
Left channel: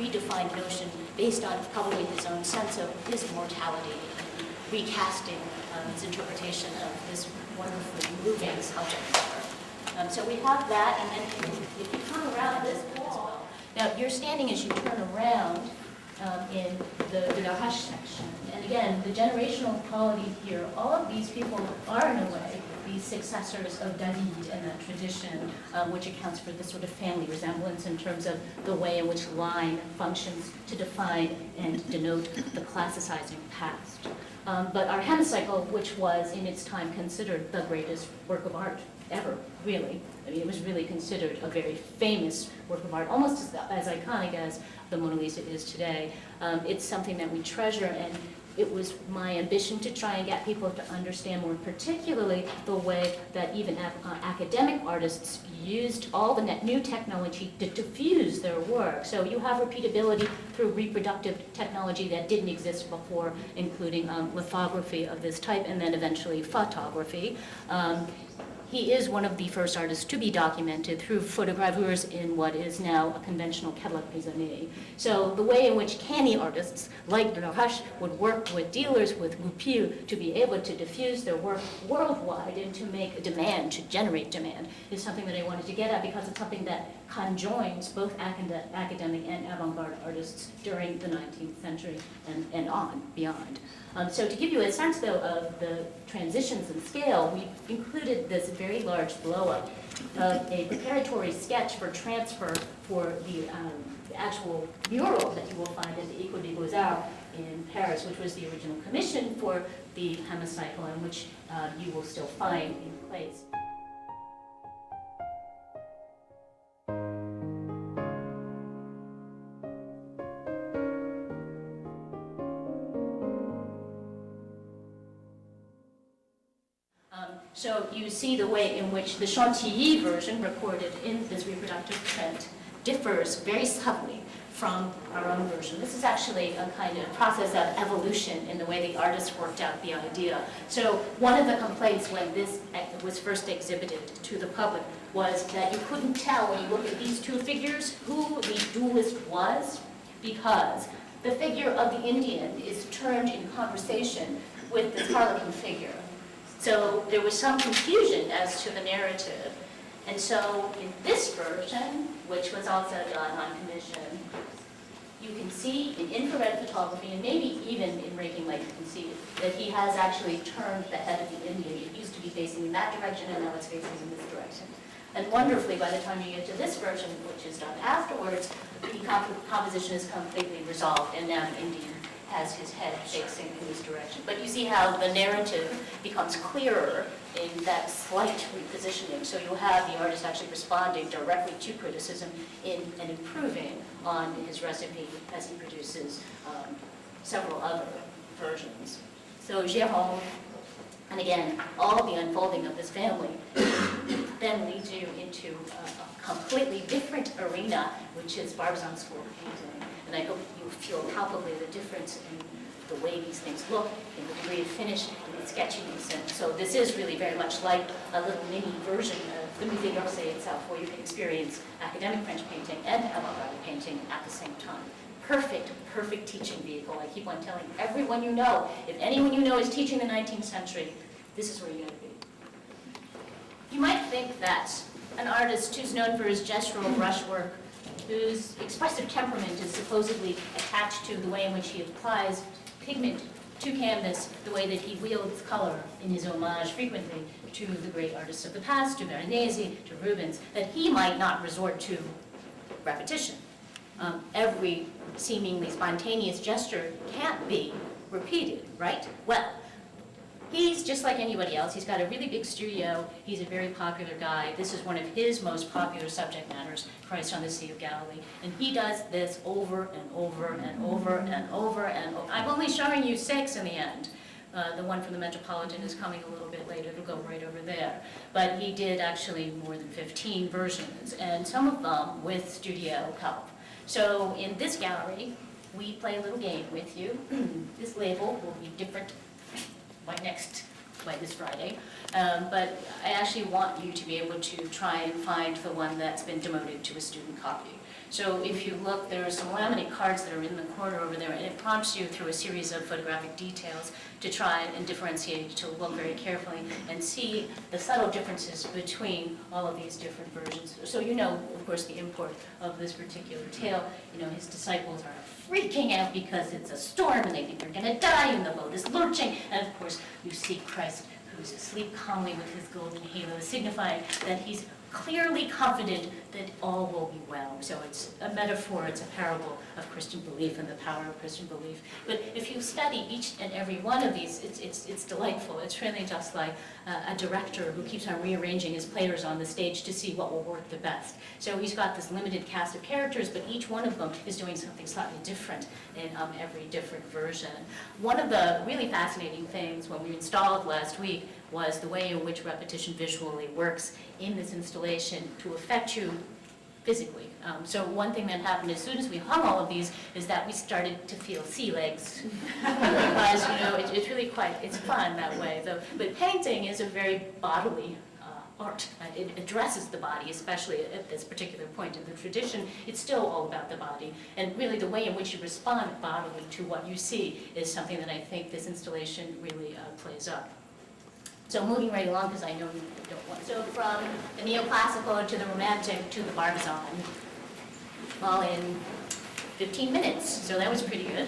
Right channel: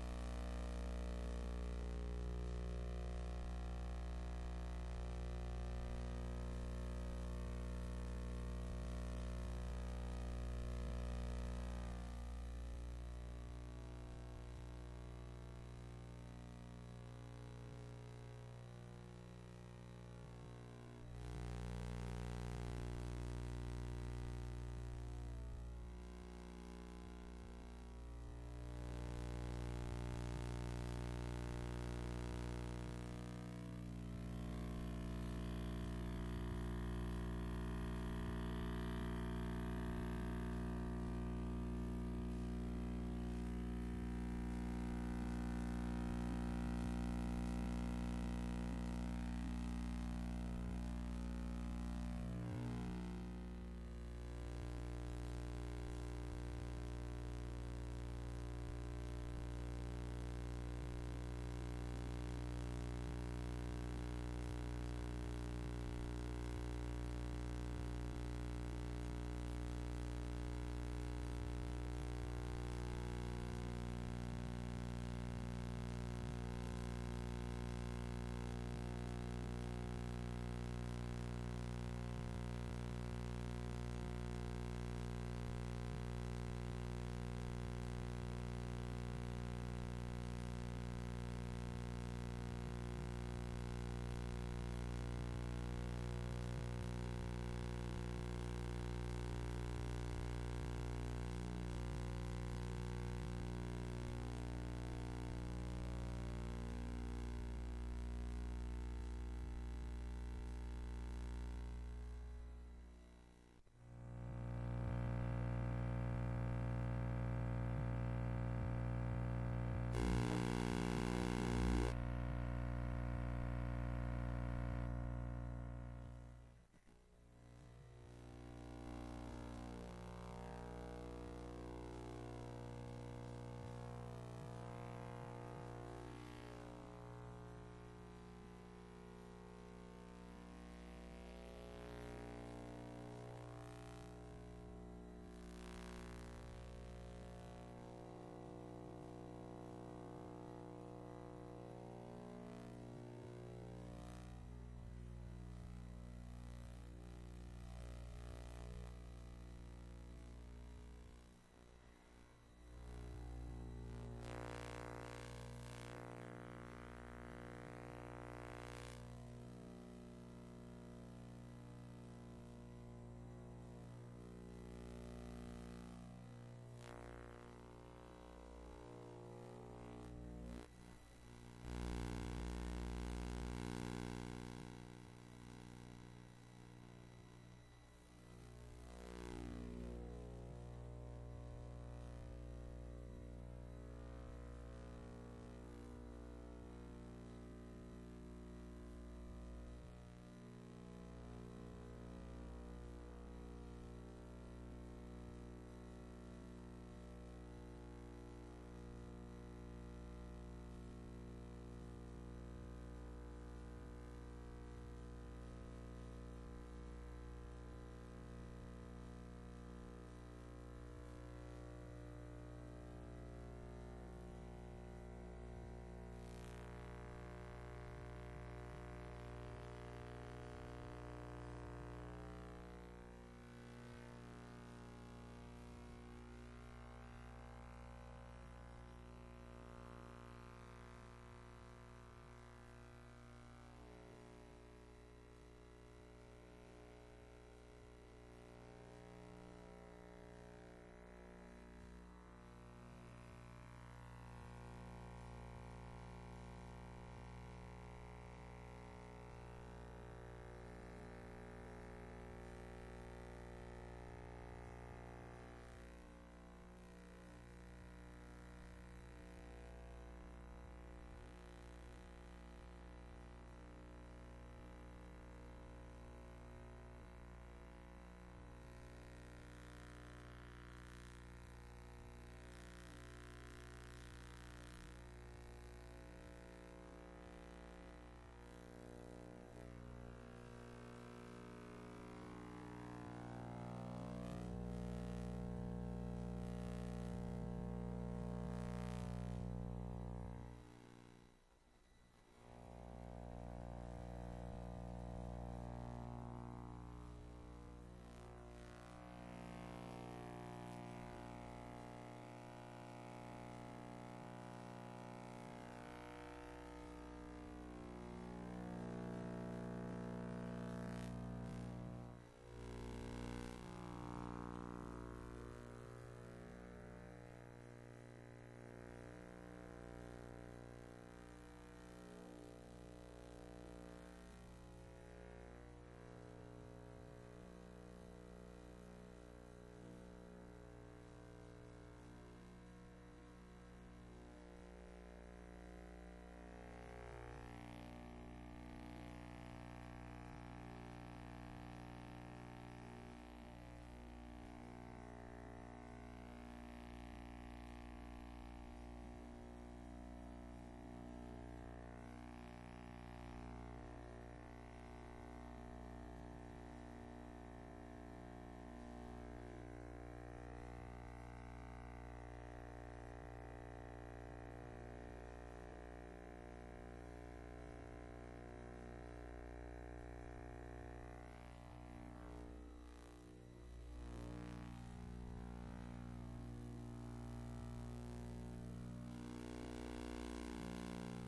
redefined notion based on probably his own sense of his mortality, recasting his interpretation of this wonderfully moving subject matter. So we have that, and then if you turn around this wall, now you're standing as you turn around in the Deja section. And again, the generational quality here, all of these people are in a way these successors of David and that tradition, which accounts for this sort of family resemblance in terms of the way in which line functions to define and denote the classicizing past. But our hemicycle, which was in its time considered the greatest work of art ever, really. I mean, it was really considered a very famous work of art, almost as iconic as the Mona Lisa is today. It's something that we treasure, and it was my ambition to try and get people to understand more particularly the way that even academic artists used all the new technology to diffuse their work. So you have repeatability through reproductive technology that didn't exist before, including lithography of this type, and then eventually photography. He is one of the first artists to be documented through photogravures in what is now a conventional catalogue raisonné. So the way in which canny artists like Deja would work with dealers, with goupil, to be able to diffuse their work worldwide and to make a demand, to generate demand, is something that I wanted to get at because it's something that conjoins both academic and avant-garde artists during the 19th century and on, beyond. So to give you a sense, though, of the transitions in scale, we included this very large blow-up of a preparatory sketch for transfer for the actual mural that you will find at the École des Beaux-Arts in Paris, which was the original commission for the hemicycle, and which you will still find in place. So you see the way in which the Chantilly version recorded in this reproductive print differs very subtly from our own version. This is actually a kind of process of evolution in the way the artists worked out the idea. So one of the complaints when this was first exhibited to the public was that you couldn't tell when you look at these two figures who the duelist was, because the figure of the Indian is turned in conversation with this harlequin figure. So there was some confusion as to the narrative. And so in this version, which was also done on commission, you can see in infrared photography, and maybe even in raking light, you can see that he has actually turned the head of the Indian. It used to be facing in that direction, and now it's facing in this direction. And wonderfully, by the time you get to this version, which is done afterwards, the composition is completely resolved, and now the Indian has his head facing in this direction. But you see how the narrative becomes clearer in that slight repositioning. So you have the artist actually responding directly to criticism and improving on his recipe as he produces several other versions. So Jérôme, and again, all the unfolding of this family then leads you into a completely different arena, which is Barbizon school painting. And I hope you feel palpably the difference in the way these things look, in the degree of finish, and the sketchiness. And so this is really very much like a little mini version of the Musée d'Orsay itself, where you can experience academic French painting and avant-garde painting at the same time. Perfect, perfect teaching vehicle. I keep on telling everyone you know, if anyone you know is teaching the 19th century, this is where you got to be. You might think that an artist who's known for his gestural brushwork whose expressive temperament is supposedly attached to the way in which he applies pigment to canvas, the way that he wields color in his homage frequently to the great artists of the past, to Veronese, to Rubens, that he might not resort to repetition. Every seemingly spontaneous gesture can't be repeated, right? Well, he's just like anybody else. He's got a really big studio. He's a very popular guy. This is one of his most popular subject matters, Christ on the Sea of Galilee. And he does this over and over and over and over and over. I'm only showing you 6 in the end. The one from the Metropolitan is coming a little bit later. It'll go right over there. But he did actually more than 15 versions, and some of them with studio help. So in this gallery, we play a little game with you. This label will be different by this Friday. But I actually want you to be able to try and find the one that's been demoted to a student copy. So if you look, there are some laminate cards that are in the corner over there, and it prompts you through a series of photographic details to try and differentiate, to look very carefully and see the subtle differences between all of these different versions. So you know, of course, the import of this particular tale. You know, his disciples are freaking out because it's a storm and they think they're going to die and the boat is lurching. And of course, you see Christ, who's asleep calmly with his golden halo, signifying that he's clearly confident that all will be well. So it's a metaphor, it's a parable of Christian belief and the power of Christian belief. But if you study each and every one of these, it's delightful. It's really just like a director who keeps on rearranging his players on the stage to see what will work the best. So he's got this limited cast of characters, but each one of them is doing something slightly different in every different version. One of the really fascinating things when we installed last week was the way in which repetition visually works in this installation to affect you physically. So one thing that happened as soon as we hung all of these is that we started to feel sea legs. Because, you know, it's really quite, it's fun that way. But painting is a very bodily art. It addresses the body, especially at this particular point in the tradition. It's still all about the body. And really the way in which you respond bodily to what you see is something that I think this installation really plays up. So moving right along, because I know you don't want. So from the neoclassical to the romantic to the Barbizon, all in 15 minutes. So that was pretty good.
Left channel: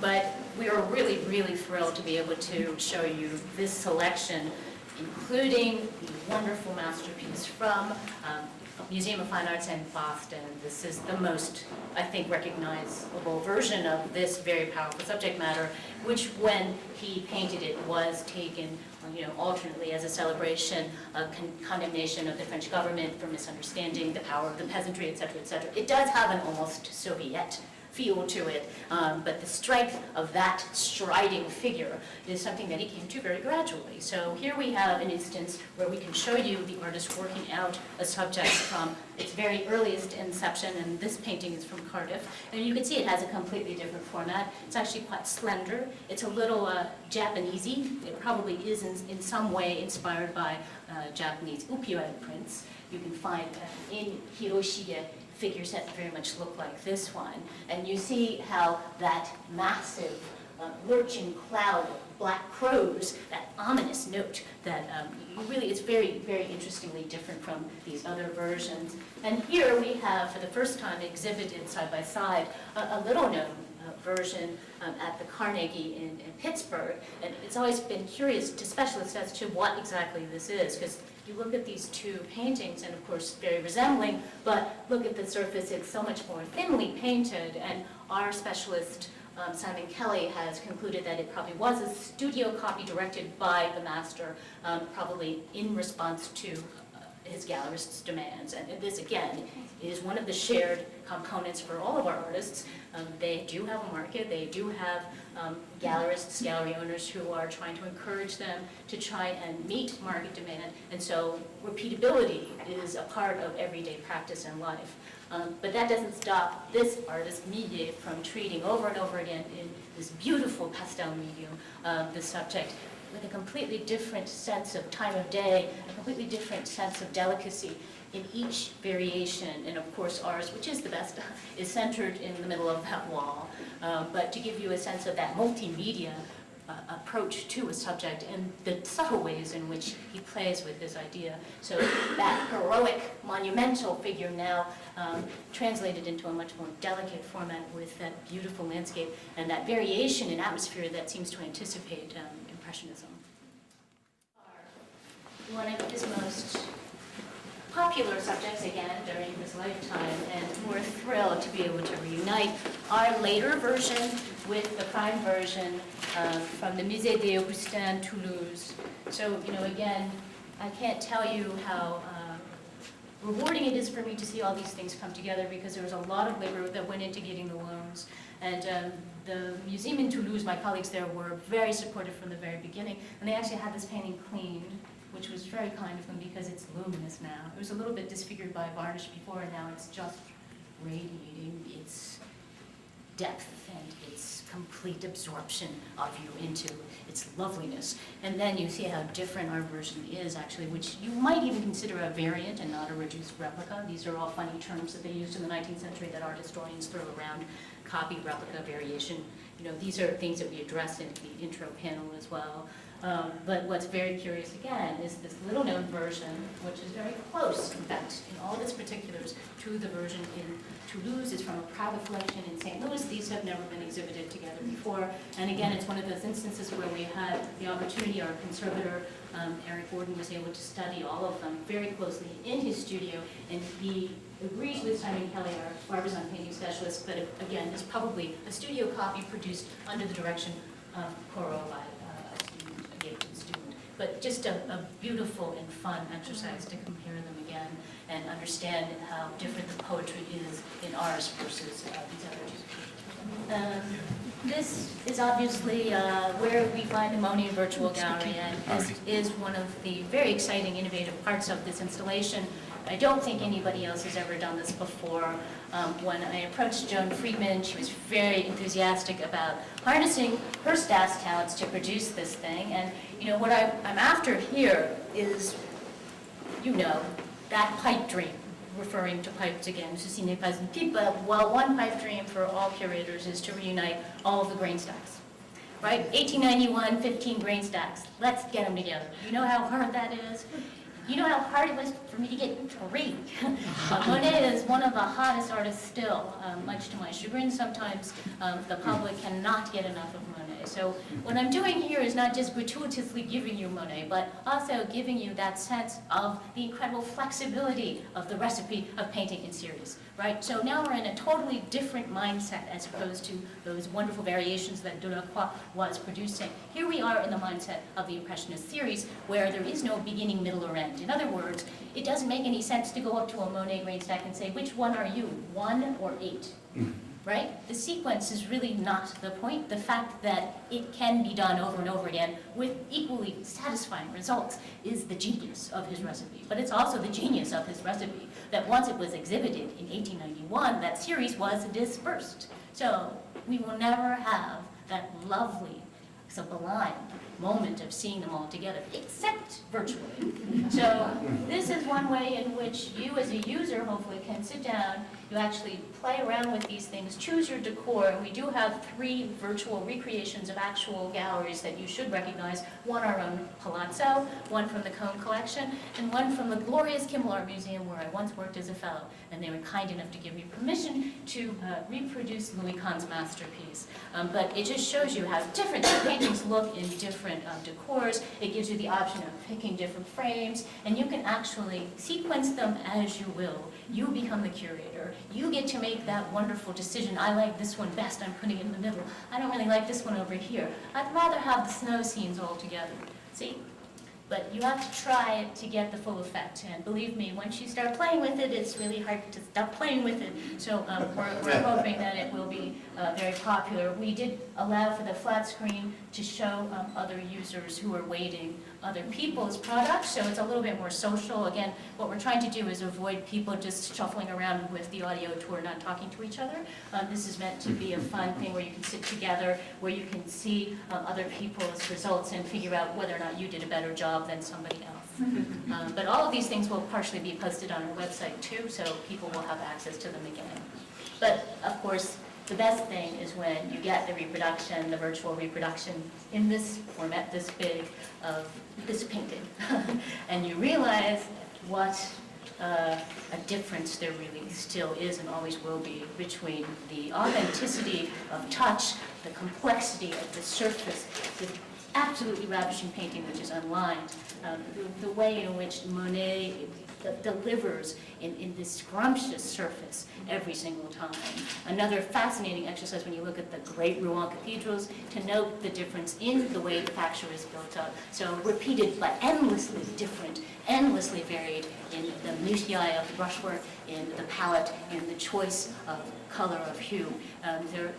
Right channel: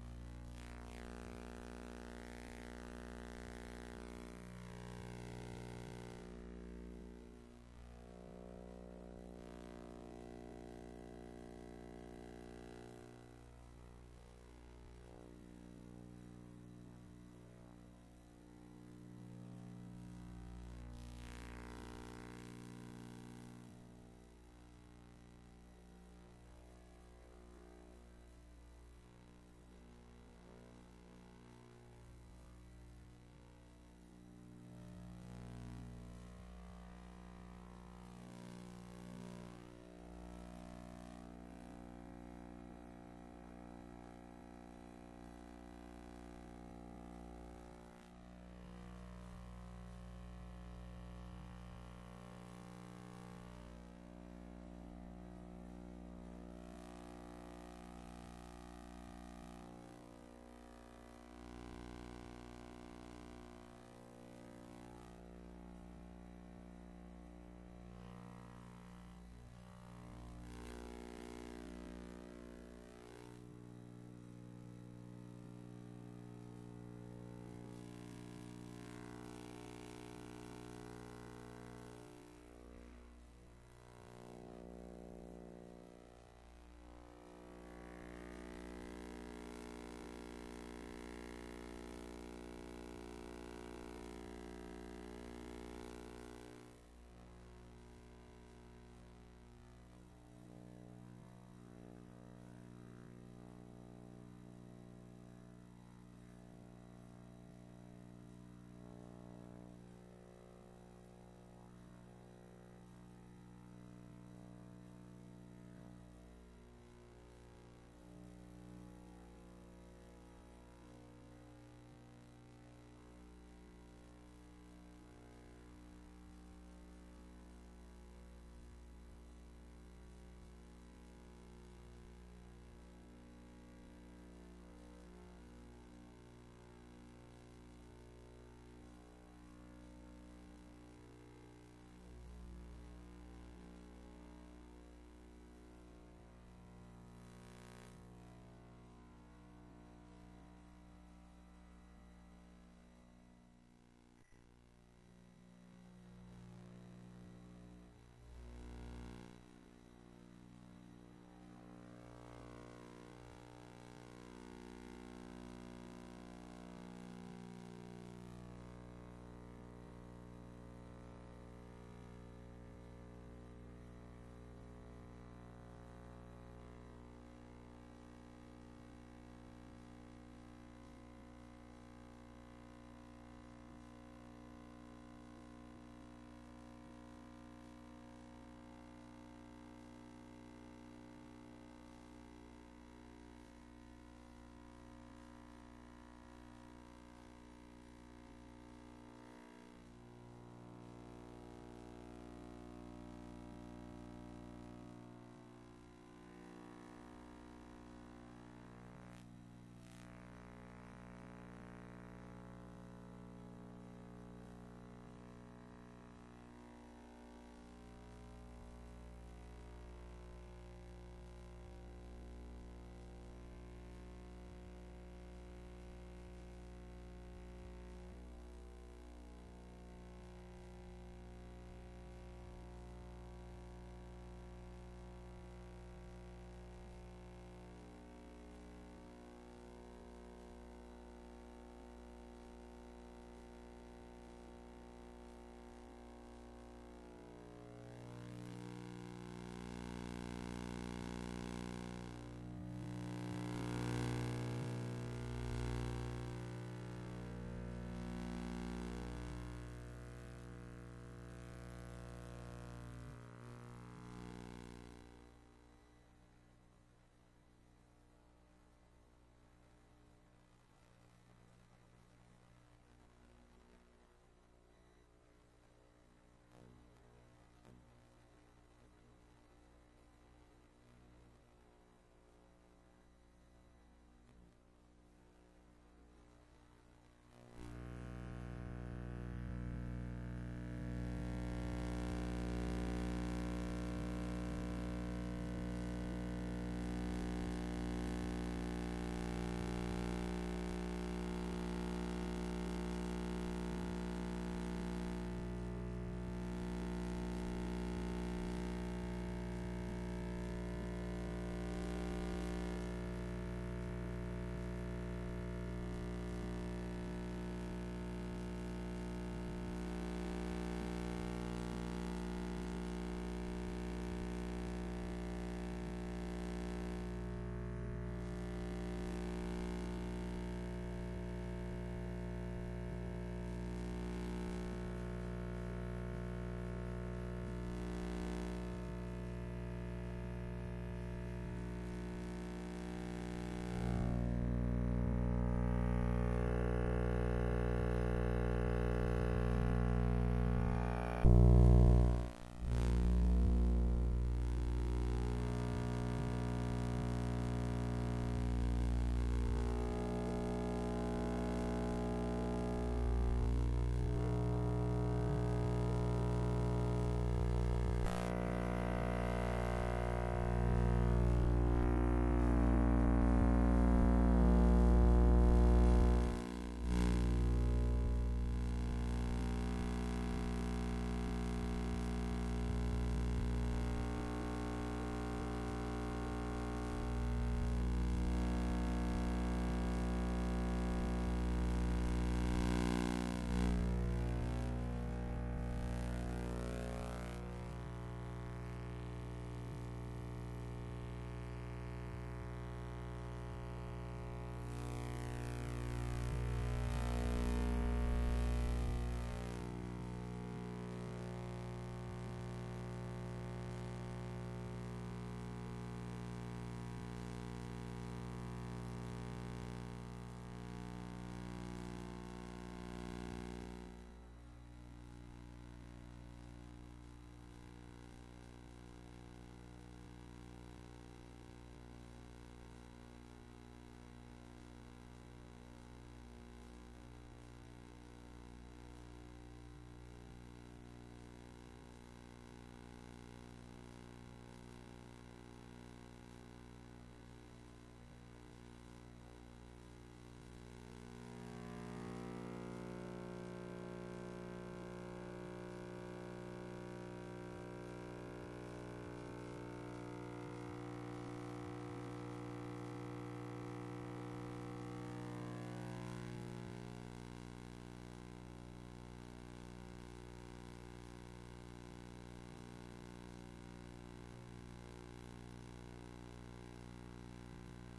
But we are really, really thrilled to be able to show you this selection, including the wonderful masterpiece from Museum of Fine Arts in Boston. This is the most, I think, recognizable version of this very powerful subject matter, which when he painted it was taken alternately as a celebration of condemnation of the French government for misunderstanding the power of the peasantry, et cetera, et cetera. It does have an almost Soviet feel to it, but the strength of that striding figure is something that he came to very gradually. So here we have an instance where we can show you the artist working out a subject from its very earliest inception, and this painting is from Cardiff. And you can see it has a completely different format. It's actually quite slender. It's a little Japanesey. It probably is in some way inspired by Japanese ukiyo-e prints. You can find in Hiroshige figures that very much look like this one. And you see how that massive lurching cloud of black crows, that ominous note that it's very, very interestingly different from these other versions. And here we have, for the first time, exhibited side by side a little known version at the Carnegie in Pittsburgh. And it's always been curious to specialists as to what exactly this is, because you look at these two paintings, and of course very resembling, but look at the surface, it's so much more thinly painted, and our specialist, Simon Kelly, has concluded that it probably was a studio copy directed by the master, probably in response to his gallerist's demands. And this, again, is one of the shared components for all of our artists. They do have a market, they do have gallerists, gallery owners who are trying to encourage them to try and meet market demand, and so repeatability is a part of everyday practice and life. But that doesn't stop this artist, Millet, from treating over and over again in this beautiful pastel medium the subject with a completely different sense of time of day, a completely different sense of delicacy in each variation. And of course ours, which is the best, is centered in the middle of that wall. But to give you a sense of that multimedia approach to a subject and the subtle ways in which he plays with this idea. So that heroic, monumental figure now translated into a much more delicate format with that beautiful landscape and that variation in atmosphere that seems to anticipate Impressionism. One of his most popular subjects, again, during his lifetime, and we're thrilled to be able to reunite our later version with the prime version from the Musée des Augustins, Toulouse. So, again, I can't tell you how rewarding it is for me to see all these things come together, because there was a lot of labor that went into getting the loans. And the museum in Toulouse, my colleagues there were very supportive from the very beginning, and they actually had this painting cleaned, which was very kind of them because it's luminous now. It was a little bit disfigured by varnish before, and now it's just radiating its depth and its complete absorption of you into its loveliness. And then you see how different our version is, actually, which you might even consider a variant and not a reduced replica. These are all funny terms that they used in the 19th century that art historians throw around: copy, replica, variation. These are things that we address in the intro panel as well. But what's very curious, again, is this little-known version, which is very close, in fact, in all of its particulars, to the version in Toulouse. It's from a private collection in St. Louis. These have never been exhibited together before. And again, it's one of those instances where we had the opportunity, our conservator, Eric Gordon, was able to study all of them very closely in his studio, and he agrees with Simon Kelly, our Barbizon painting specialist, that again, is probably a studio copy produced under the direction of Corot by a Gibson student. But just a beautiful and fun exercise to compare them again and understand how different the poetry is in ours versus these other two. This is obviously where we find the Monet Virtual Gallery, and this is one of the very exciting, innovative parts of this installation. I don't think anybody else has ever done this before. When I approached Joan Friedman, she was very enthusiastic about harnessing her staff's talents to produce this thing. And what I'm after here is, that pipe dream, referring to pipes again. Ceci n'est pas une pipe, but one pipe dream for all curators is to reunite all of the grain stacks. Right? 1891, 15 grain stacks. Let's get them together. You know how hard that is? You know how hard it was for me to get 3. Monet is one of the hottest artists still, much to my chagrin. Sometimes the public cannot get enough of Monet. So what I'm doing here is not just gratuitously giving you Monet, but also giving you that sense of the incredible flexibility of the recipe of painting in series, right? So now we're in a totally different mindset as opposed to those wonderful variations that Delacroix was producing. Here we are in the mindset of the Impressionist series, where there is no beginning, middle, or end. In other words, it doesn't make any sense to go up to a Monet grain stack and say, which one are you, 1 or 8? Right? The sequence is really not the point. The fact that it can be done over and over again with equally satisfying results is the genius of his recipe. But it's also the genius of his recipe that once it was exhibited in 1891, that series was dispersed. So we will never have that lovely, sublime moment of seeing them all together, except virtually. So this is one way in which you as a user hopefully can sit down, you actually play around with these things, choose your decor, and we do have 3 virtual recreations of actual galleries that you should recognize. One our own Palazzo, one from the Cone Collection, and one from the glorious Kimmel Art Museum where I once worked as a fellow, and they were kind enough to give me permission to reproduce Louis Kahn's masterpiece. But it just shows you how different the paintings look in different decors. It gives you the option of picking different frames, and you can actually sequence them as you will. You become the curator. You get to make that wonderful decision. I like this one best, I'm putting it in the middle. I don't really like this one over here. I'd rather have the snow scenes all together. See? But you have to try it to get the full effect. And believe me, once you start playing with it, it's really hard to stop playing with it. So we're hoping that it will be very popular. We did allow for the flat screen to show other users who are waiting other people's products, so it's a little bit more social. Again, what we're trying to do is avoid people just shuffling around with the audio tour, not talking to each other. This is meant to be a fun thing where you can sit together, where you can see other people's results and figure out whether or not you did a better job than somebody else. But all of these things will partially be posted on our website too, so people will have access to them again. But of course, the best thing is when you get the reproduction, the virtual reproduction in this format, this big, of this painting. And you realize what a difference there really still is and always will be between the authenticity of touch, the complexity of the surface, the absolutely ravishing painting which is unlined, the way in which Monet delivers in this scrumptious surface every single time. Another fascinating exercise when you look at the great Rouen cathedrals, to note the difference in the way the facture is built up. So repeated but endlessly different, endlessly varied in the minutiae of the brushwork, in the palette, in the choice of color, of hue.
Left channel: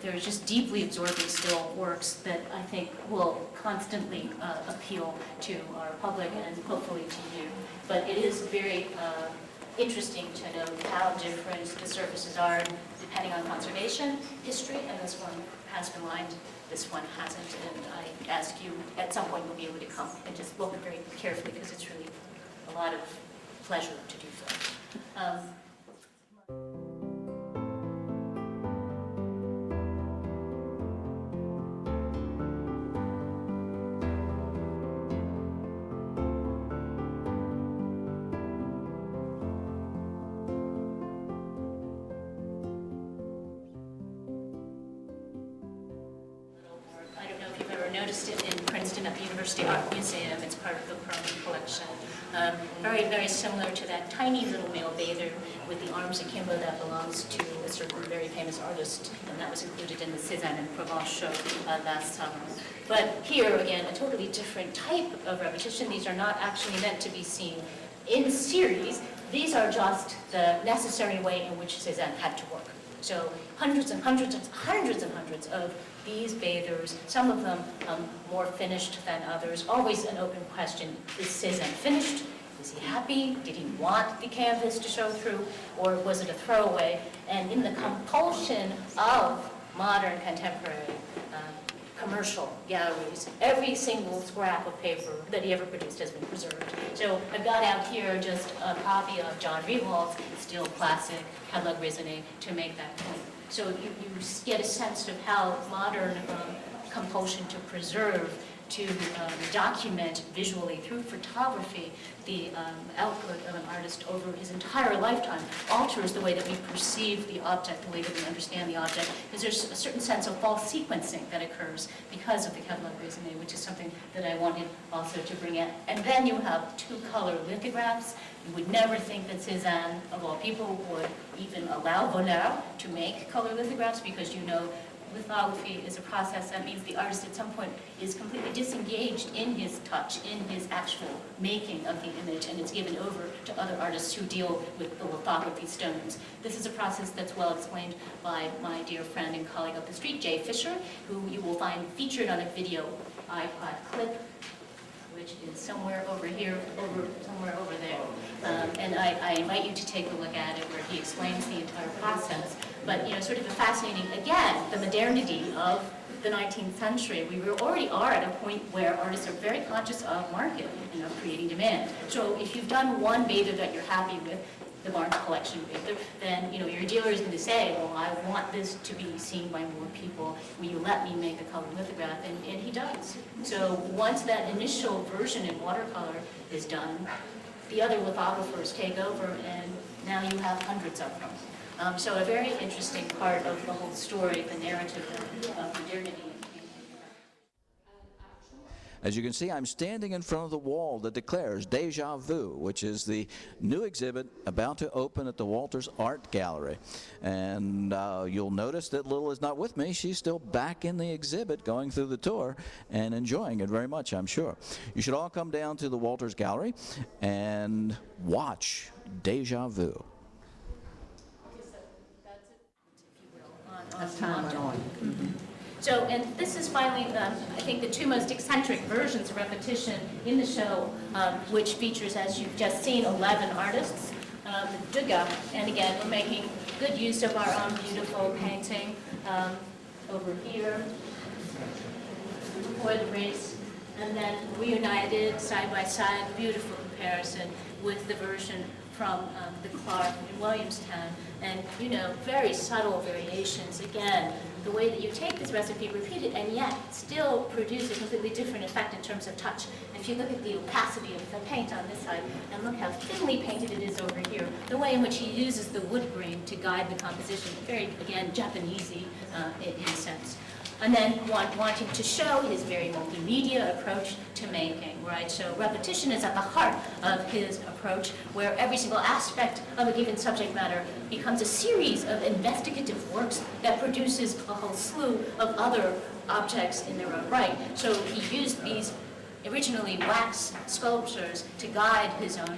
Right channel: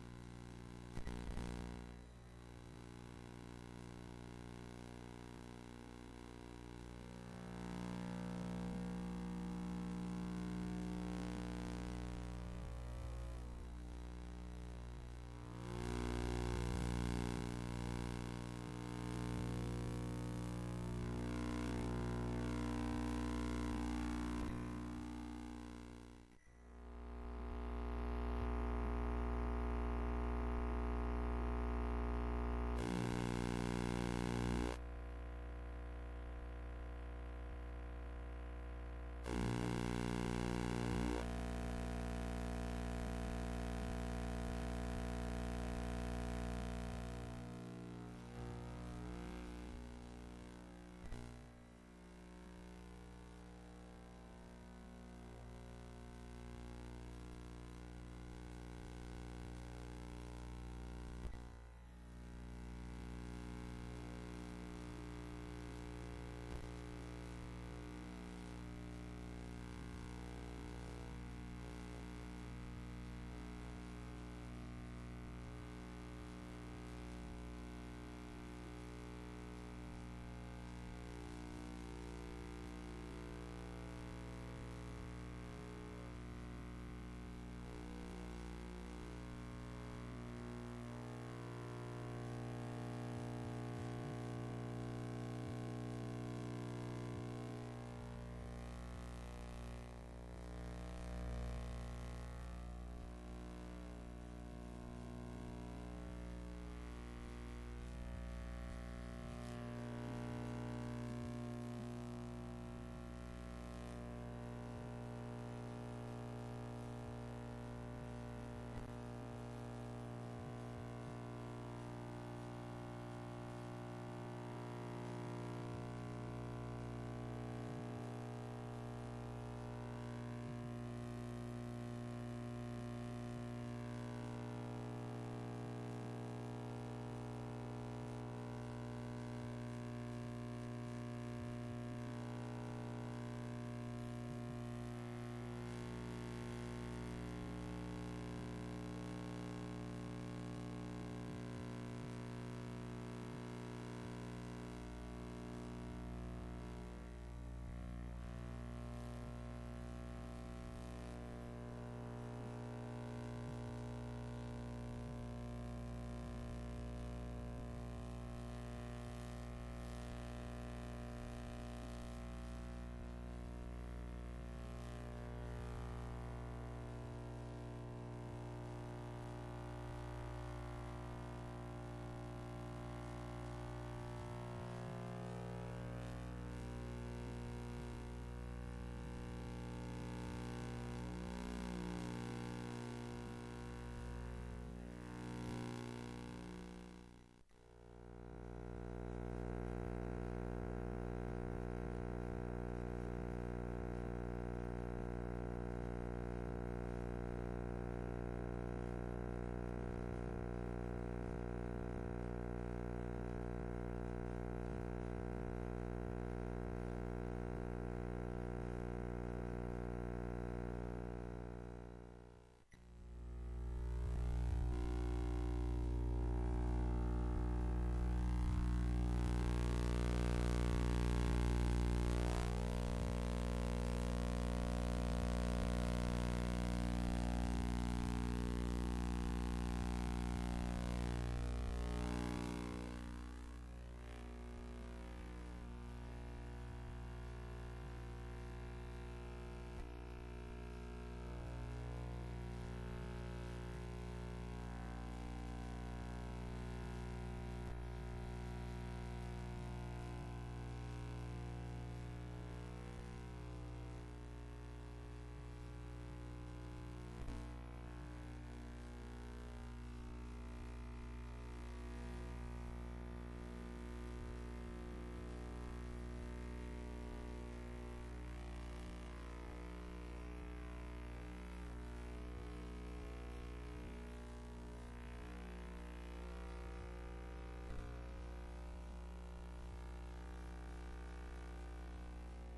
There's just deeply absorbing still works that I think will constantly appeal to our public and hopefully to you. But it is very interesting to note how different the surfaces are depending on conservation history, and this one has been lined, this one hasn't. And I ask you, at some point you'll be able to come and just look very carefully because it's really a lot of pleasure to do so. Noticed it in Princeton at the University Art Museum. It's part of the permanent collection. Very, very similar to that tiny little male bather with the arms akimbo that belongs to a certain very famous artist, and that was included in the Cézanne and Provence show last summer. But here, again, a totally different type of repetition. These are not actually meant to be seen in series. These are just the necessary way in which Cézanne had to work. So hundreds and hundreds and hundreds and hundreds of these bathers, some of them more finished than others. Always an open question: is Cézanne finished? Was he happy? Did he want the canvas to show through? Or was it a throwaway? And in the compulsion of modern contemporary commercial galleries, every single scrap of paper that he ever produced has been preserved. So I've got out here just a copy of John Riewald's still classic Catalogue Raisonné to make that point. So you get a sense of how modern compulsion to preserve, to document visually through photography the output of an artist over his entire lifetime alters the way that we perceive the object, the way that we understand the object, because there's a certain sense of false sequencing that occurs because of the Catalogue Raisonné, which is something that I wanted also to bring in. And then you have two-color lithographs. You would never think that Cézanne, of all people, would even allow Voleur to make color lithographs, because you know lithography is a process that means the artist at some point is completely disengaged in his touch, in his actual making of the image, and it's given over to other artists who deal with the lithography stones. This is a process that's well explained by my dear friend and colleague up the street, Jay Fisher, who you will find featured on a video iPod clip, which is somewhere over here, somewhere over there. And I invite you to take a look at it, where he explains the entire process. But, you know, sort of a fascinating, again, the modernity of the 19th century. We already are at a point where artists are very conscious of market and of creating demand. So if you've done one Bather that you're happy with, the Barnes collection Bather, then, you know, your dealer is going to say, well, I want this to be seen by more people. Will you let me make a color lithograph? And he does. So once that initial version in watercolor is done, the other lithographers take over, and now you have hundreds of them. So a very interesting part of the whole story, the narrative of modernity. As you can see, I'm standing in front of the wall that declares Deja Vu, which is the new exhibit about to open at the Walters Art Gallery. And you'll notice that Lil is not with me. She's still back in the exhibit, going through the tour and enjoying it very much, I'm sure. You should all come down to the Walters Gallery and watch Deja Vu. As time went on. Mm-hmm. So, and this is finally, I think, the two most eccentric versions of repetition in the show, which features, as you've just seen, 11 artists. Deja, and again, we're making good use of our own beautiful painting over here, before the race, and then reunited side by side, beautiful comparison with the version from the Clark in Williamstown. And, you know, very subtle variations, again, the way that you take this recipe, repeat it, and yet still produce a completely different effect in terms of touch. If you look at the opacity of the paint on this side, and look how thinly painted it is over here, the way in which he uses the wood grain to guide the composition, very, again, Japanesey in a sense. And then wanting to show his very multimedia approach to making, right? So repetition is at the heart of his approach, where every single aspect of a given subject matter becomes a series of investigative works that produces a whole slew of other objects in their own right. So he used these originally wax sculptures to guide his own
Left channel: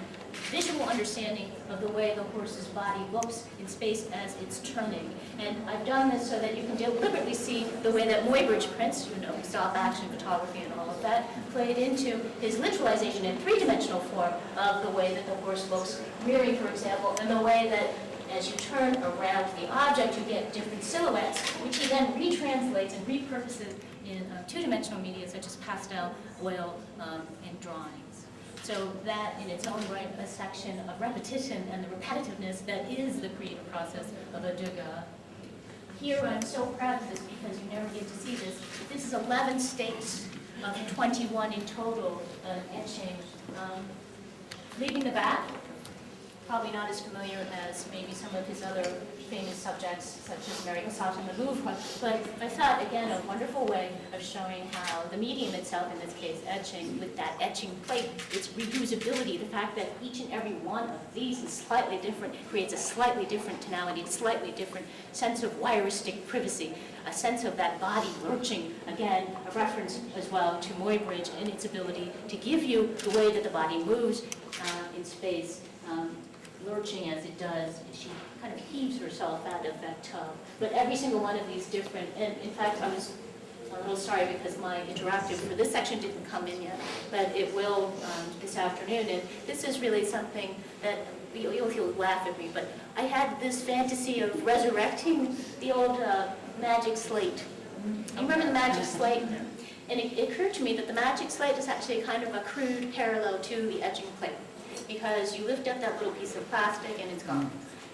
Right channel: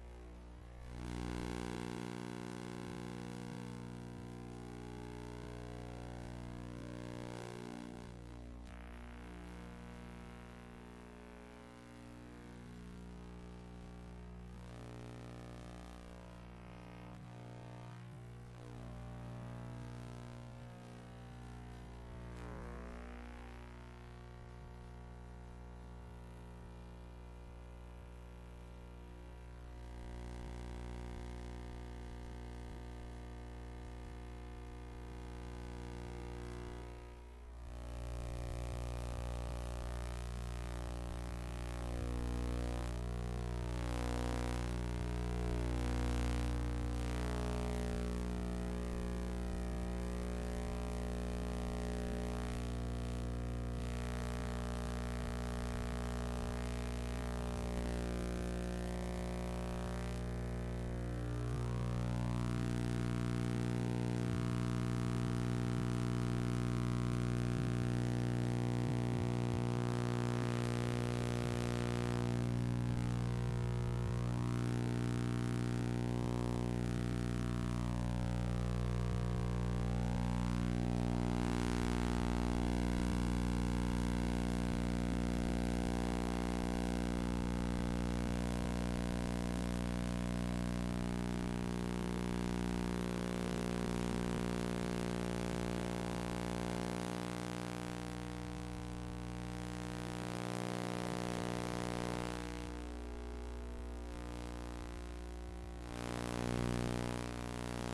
visual understanding of the way the horse's body looks in space as it's turning. And I've done this so that you can deliberately see the way that Muybridge prints, stop action photography and all of that, played into his literalization in three-dimensional form of the way that the horse looks, mirroring, for example, and the way that as you turn around the object, you get different silhouettes, which he then retranslates and repurposes in two-dimensional media such as pastel, oil, and drawings. So that, in its own right, a section of repetition and the repetitiveness that is the creative process of a Degas. Here, I'm so proud of this because you never get to see this. This is 11 stakes of 21 in total etching. Leaving the back, probably not as familiar as maybe some of his other famous subjects, such as Mary Cassatt in the Louvre, but I thought, again, a wonderful way of showing how the medium itself, in this case etching, with that etching plate, its reusability, the fact that each and every one of these is slightly different, creates a slightly different tonality, a slightly different sense of wiristic privacy, a sense of that body lurching, again, a reference as well to Muybridge and its ability to give you the way that the body moves in space, lurching as it does. Heaves herself out of that tub. But every single one of these different, and in fact, I was a little sorry because my interactive for this section didn't come in yet, but it will this afternoon. And this is really something that you'll laugh at me, but I had this fantasy of resurrecting the old magic slate. You remember the magic slate? And it occurred to me that the magic slate is actually kind of a crude parallel to the etching plate, because you lift up that little piece of plastic and it's gone.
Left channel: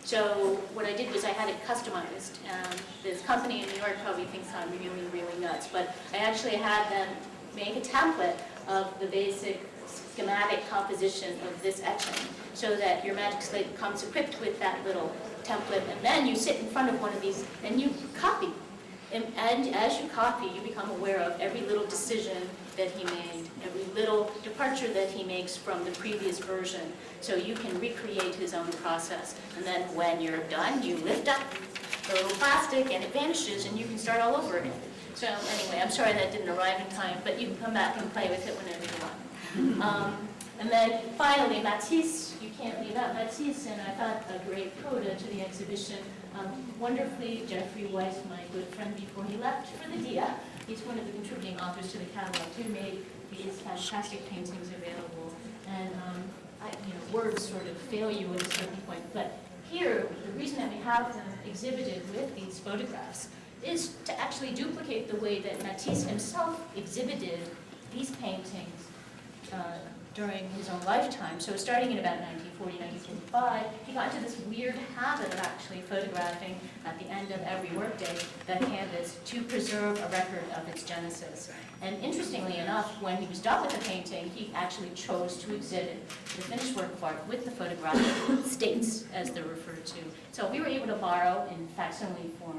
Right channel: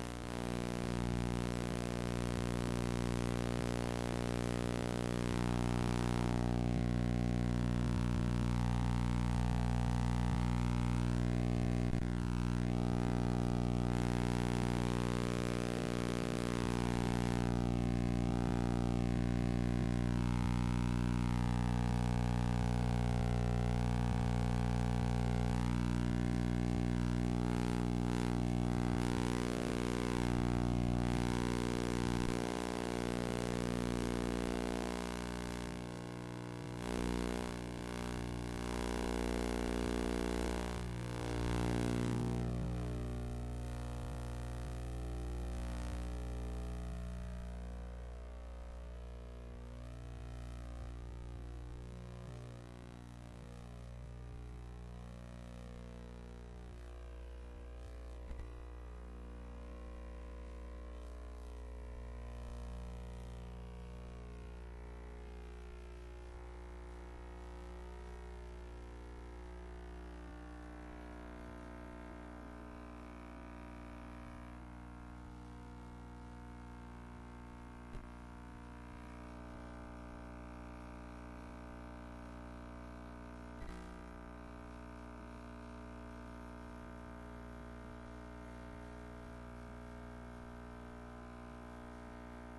So what I did was I had it customized. This company in New York probably thinks I'm really, really nuts, but I actually had them make a template of the basic schematic composition of this etching, so that your magic slate comes equipped with that little template, and then you sit in front of one of these and you copy. And as you copy, you become aware of every little decision that he made, every little departure that he makes from the previous version, so you can recreate his own process. And then when you're done, you lift up the little plastic and it vanishes and you can start all over again. So anyway, I'm sorry that didn't arrive in time, but you can come back and play with it whenever you want. And then finally, Matisse, you can't leave out Matisse, and I thought a great coda to the exhibition. Wonderfully, Jeffrey Weiss, my good friend before he left for the Deja, he's one of the contributing authors to the catalog, who made these fantastic paintings available. And words sort of fail you at a certain point, but here, the reason that we have them exhibited with these photographs is to actually duplicate the way that Matisse himself exhibited these paintings during his own lifetime. So starting in about 1940, 1945, he got into this weird habit of actually photographing at the end of every workday that canvas to preserve a record of its genesis. And interestingly enough, when he was done with the painting, he actually chose to exhibit the finished work of art with the photographic states, as they're referred to. So we were able to borrow, in facsimile form,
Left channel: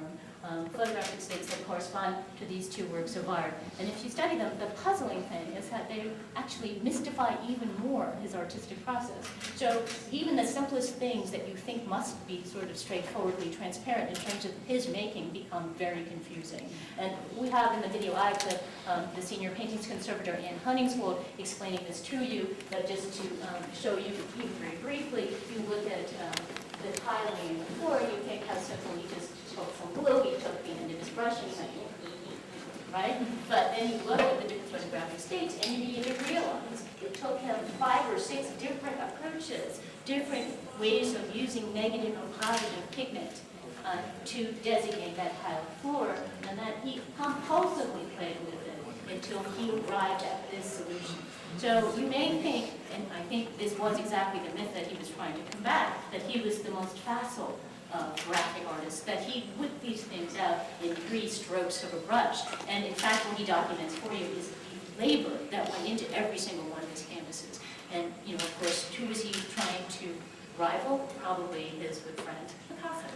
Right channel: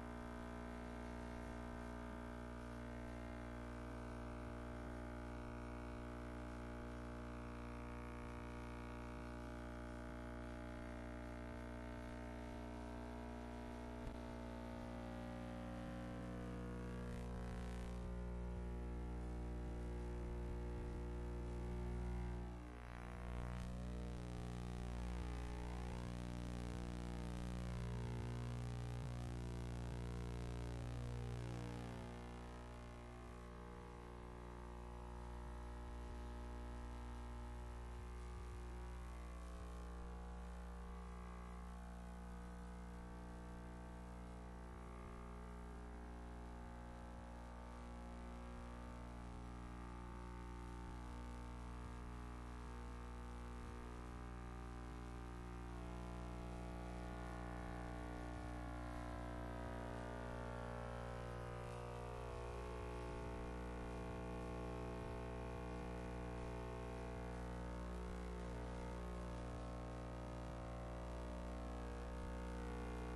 photographic states that correspond to these two works of art. And if you study them, the puzzling thing is that they actually mystify even more his artistic process. So even the simplest things that you think must be sort of straightforwardly transparent in terms of his making become very confusing. And we have in the video I clip the senior paintings conservator Anne Hunningswold explaining this to you, but just to show you very briefly, you look at the tiling before, you think how simple he just took some glue, he took the end of his brush and went, right? But then you look at the different photographic states and you begin to realize it took him 5 or 6 different approaches, different ways of using negative or positive pigment to designate that tile floor, and then he compulsively played with it until he arrived at this solution. So you may think, and I think this was exactly the myth that he was trying to combat, that he was the most facile graphic artist, that he whipped these things out in 3 strokes of a brush. And in fact, what he documents for you is the labor that went into every single one of his canvases. And, of course, who is he trying to rival? Probably his good friend, Picasso.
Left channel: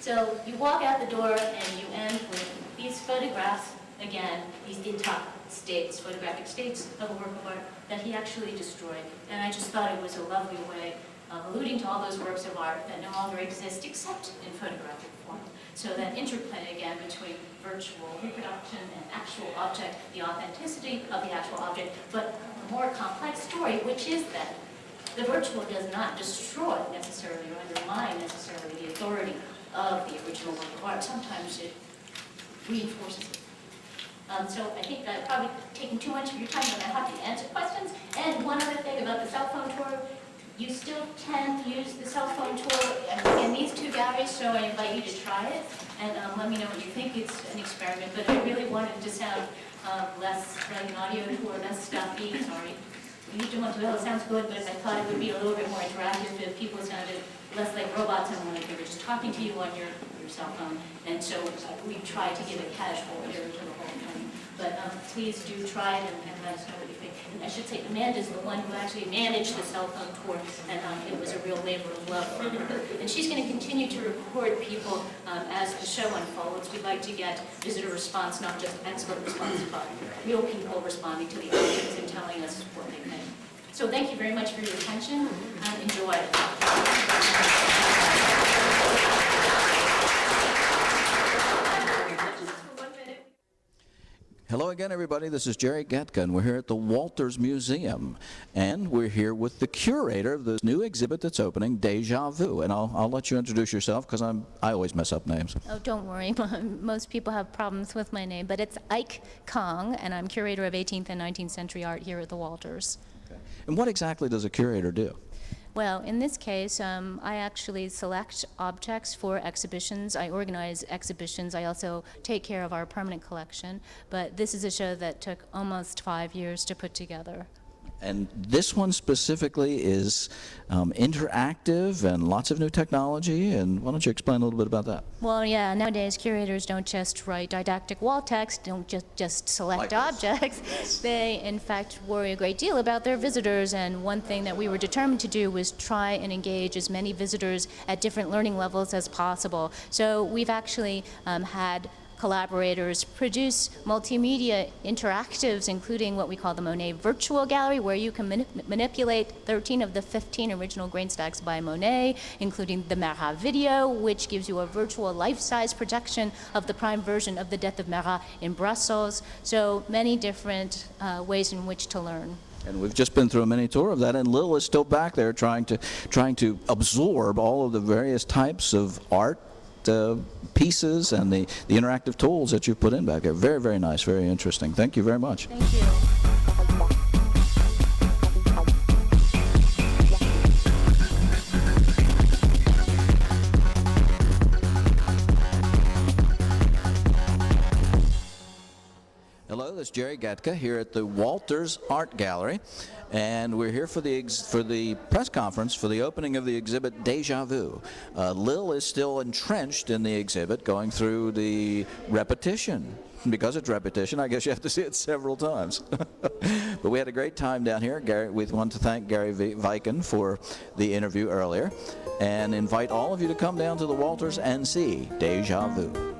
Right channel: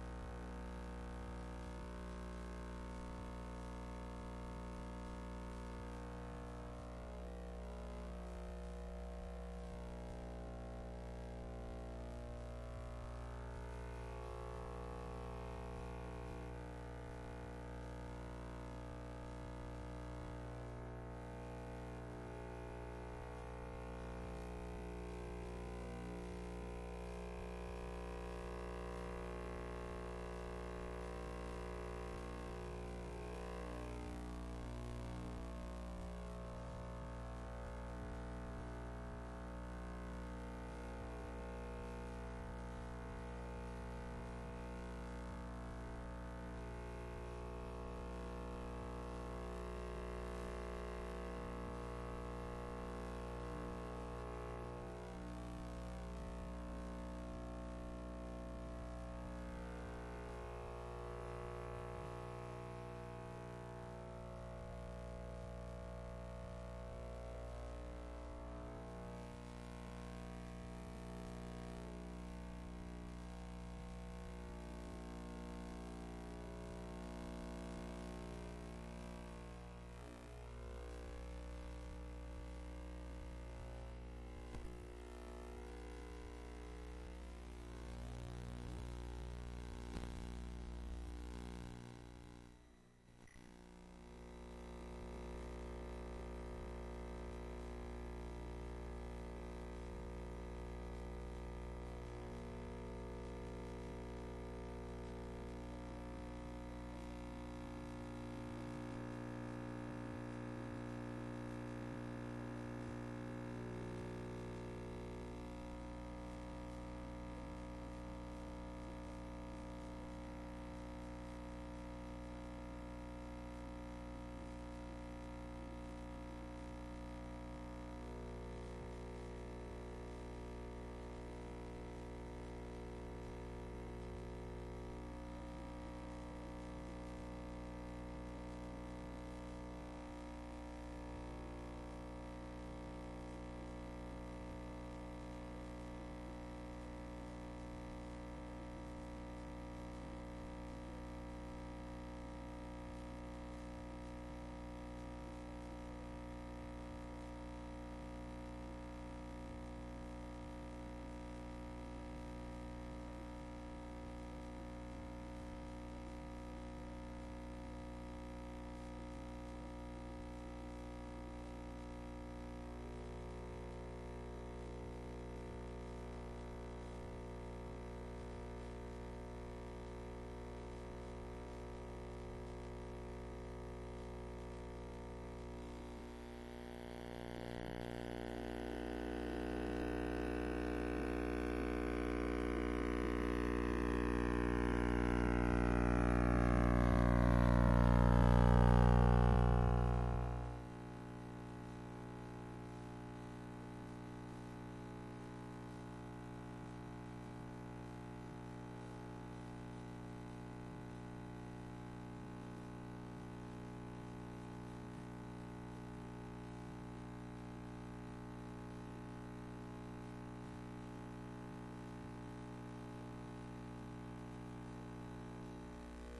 So you walk out the door and you end with these photographs, again, these intact states, photographic states of a work of art that he actually destroyed. And I just thought it was a lovely way of alluding to all those works of art that no longer exist except in photographic form. So that interplay again between virtual reproduction and actual object, the authenticity of the actual object, but a more complex story, which is that the virtual does not destroy necessarily or undermine necessarily the authority of the original work of art. Sometimes it reinforces it. So I think that I've probably taken too much of your time, but I have to answer questions. And one other thing about the cell phone tour, you still can use the cell phone tour in these 2 galleries, so I invite you to try it. And let me know what you think. It's an experiment, but I really wanted to sound less like an audio tour, less stuffy. Sorry. You do want to know, it sounds good, but I thought it would be a little bit more interactive if people sounded less like robots and like they were just talking to you on your cell phone. And so we tried to give a casual ear to the whole thing. But please do try it and let us know what you think. And I should say, Amanda's the one who actually managed the cell phone tour, and it was a real labor of love for her. And she's going to continue to record people as the show unfolds. We'd like to get visitor response, not just expert response, but real people responding to the audience and telling us what they think. So thank you very much for your attention, and enjoy. Hello again, everybody. This is Jerry Gatka, and we're here at the Walters Museum. And we're here with the curator of this new exhibit that's opening, Deja Vu. And I'll let you introduce yourself, because I always mess up names. Oh, don't worry. Most people have problems with my name, but it's Ike Kong, and I'm curator of 18th and 19th century art here at the Walters. And what exactly does a curator do? Well, in this case, I actually select objects for exhibitions. I organize exhibitions. I also take care of our permanent collection. But this is a show that took almost 5 years to put together. And this one specifically is interactive and lots of new technology. And why don't you explain a little bit about that? Well, yeah, nowadays curators don't just write didactic wall text, don't just select Like objects. Yes. They, in fact, worry a great deal about their visitors. And one thing that we were determined to do was try and engage as many visitors at different learning levels as possible. So we've actually had collaborators produce multimedia interactives, including what we call the Monet Virtual Gallery, where you can manipulate 13 of the 15 original grain stacks by Monet, including the Marat video, which gives you a virtual life-size projection of the prime version of the death of Marat in Brussels. So many different ways in which to learn. And we've just been through a mini tour of that, and Lil is still back there trying to absorb all of the various types of art pieces and the interactive tools that you've put in back there. Very, very nice, very interesting. Thank you very much. Thank you. Hello, this is Jerry Gatka here at the Walters Art Gallery. And we're here for the press conference for the opening of the exhibit Deja Vu. Lil is still entrenched in the exhibit, going through the repetition. Because it's repetition, I guess you have to see it several times. But we had a great time down here. We want to thank Gary Viken for the interview earlier, and invite all of you to come down to the Walters and see Deja Vu.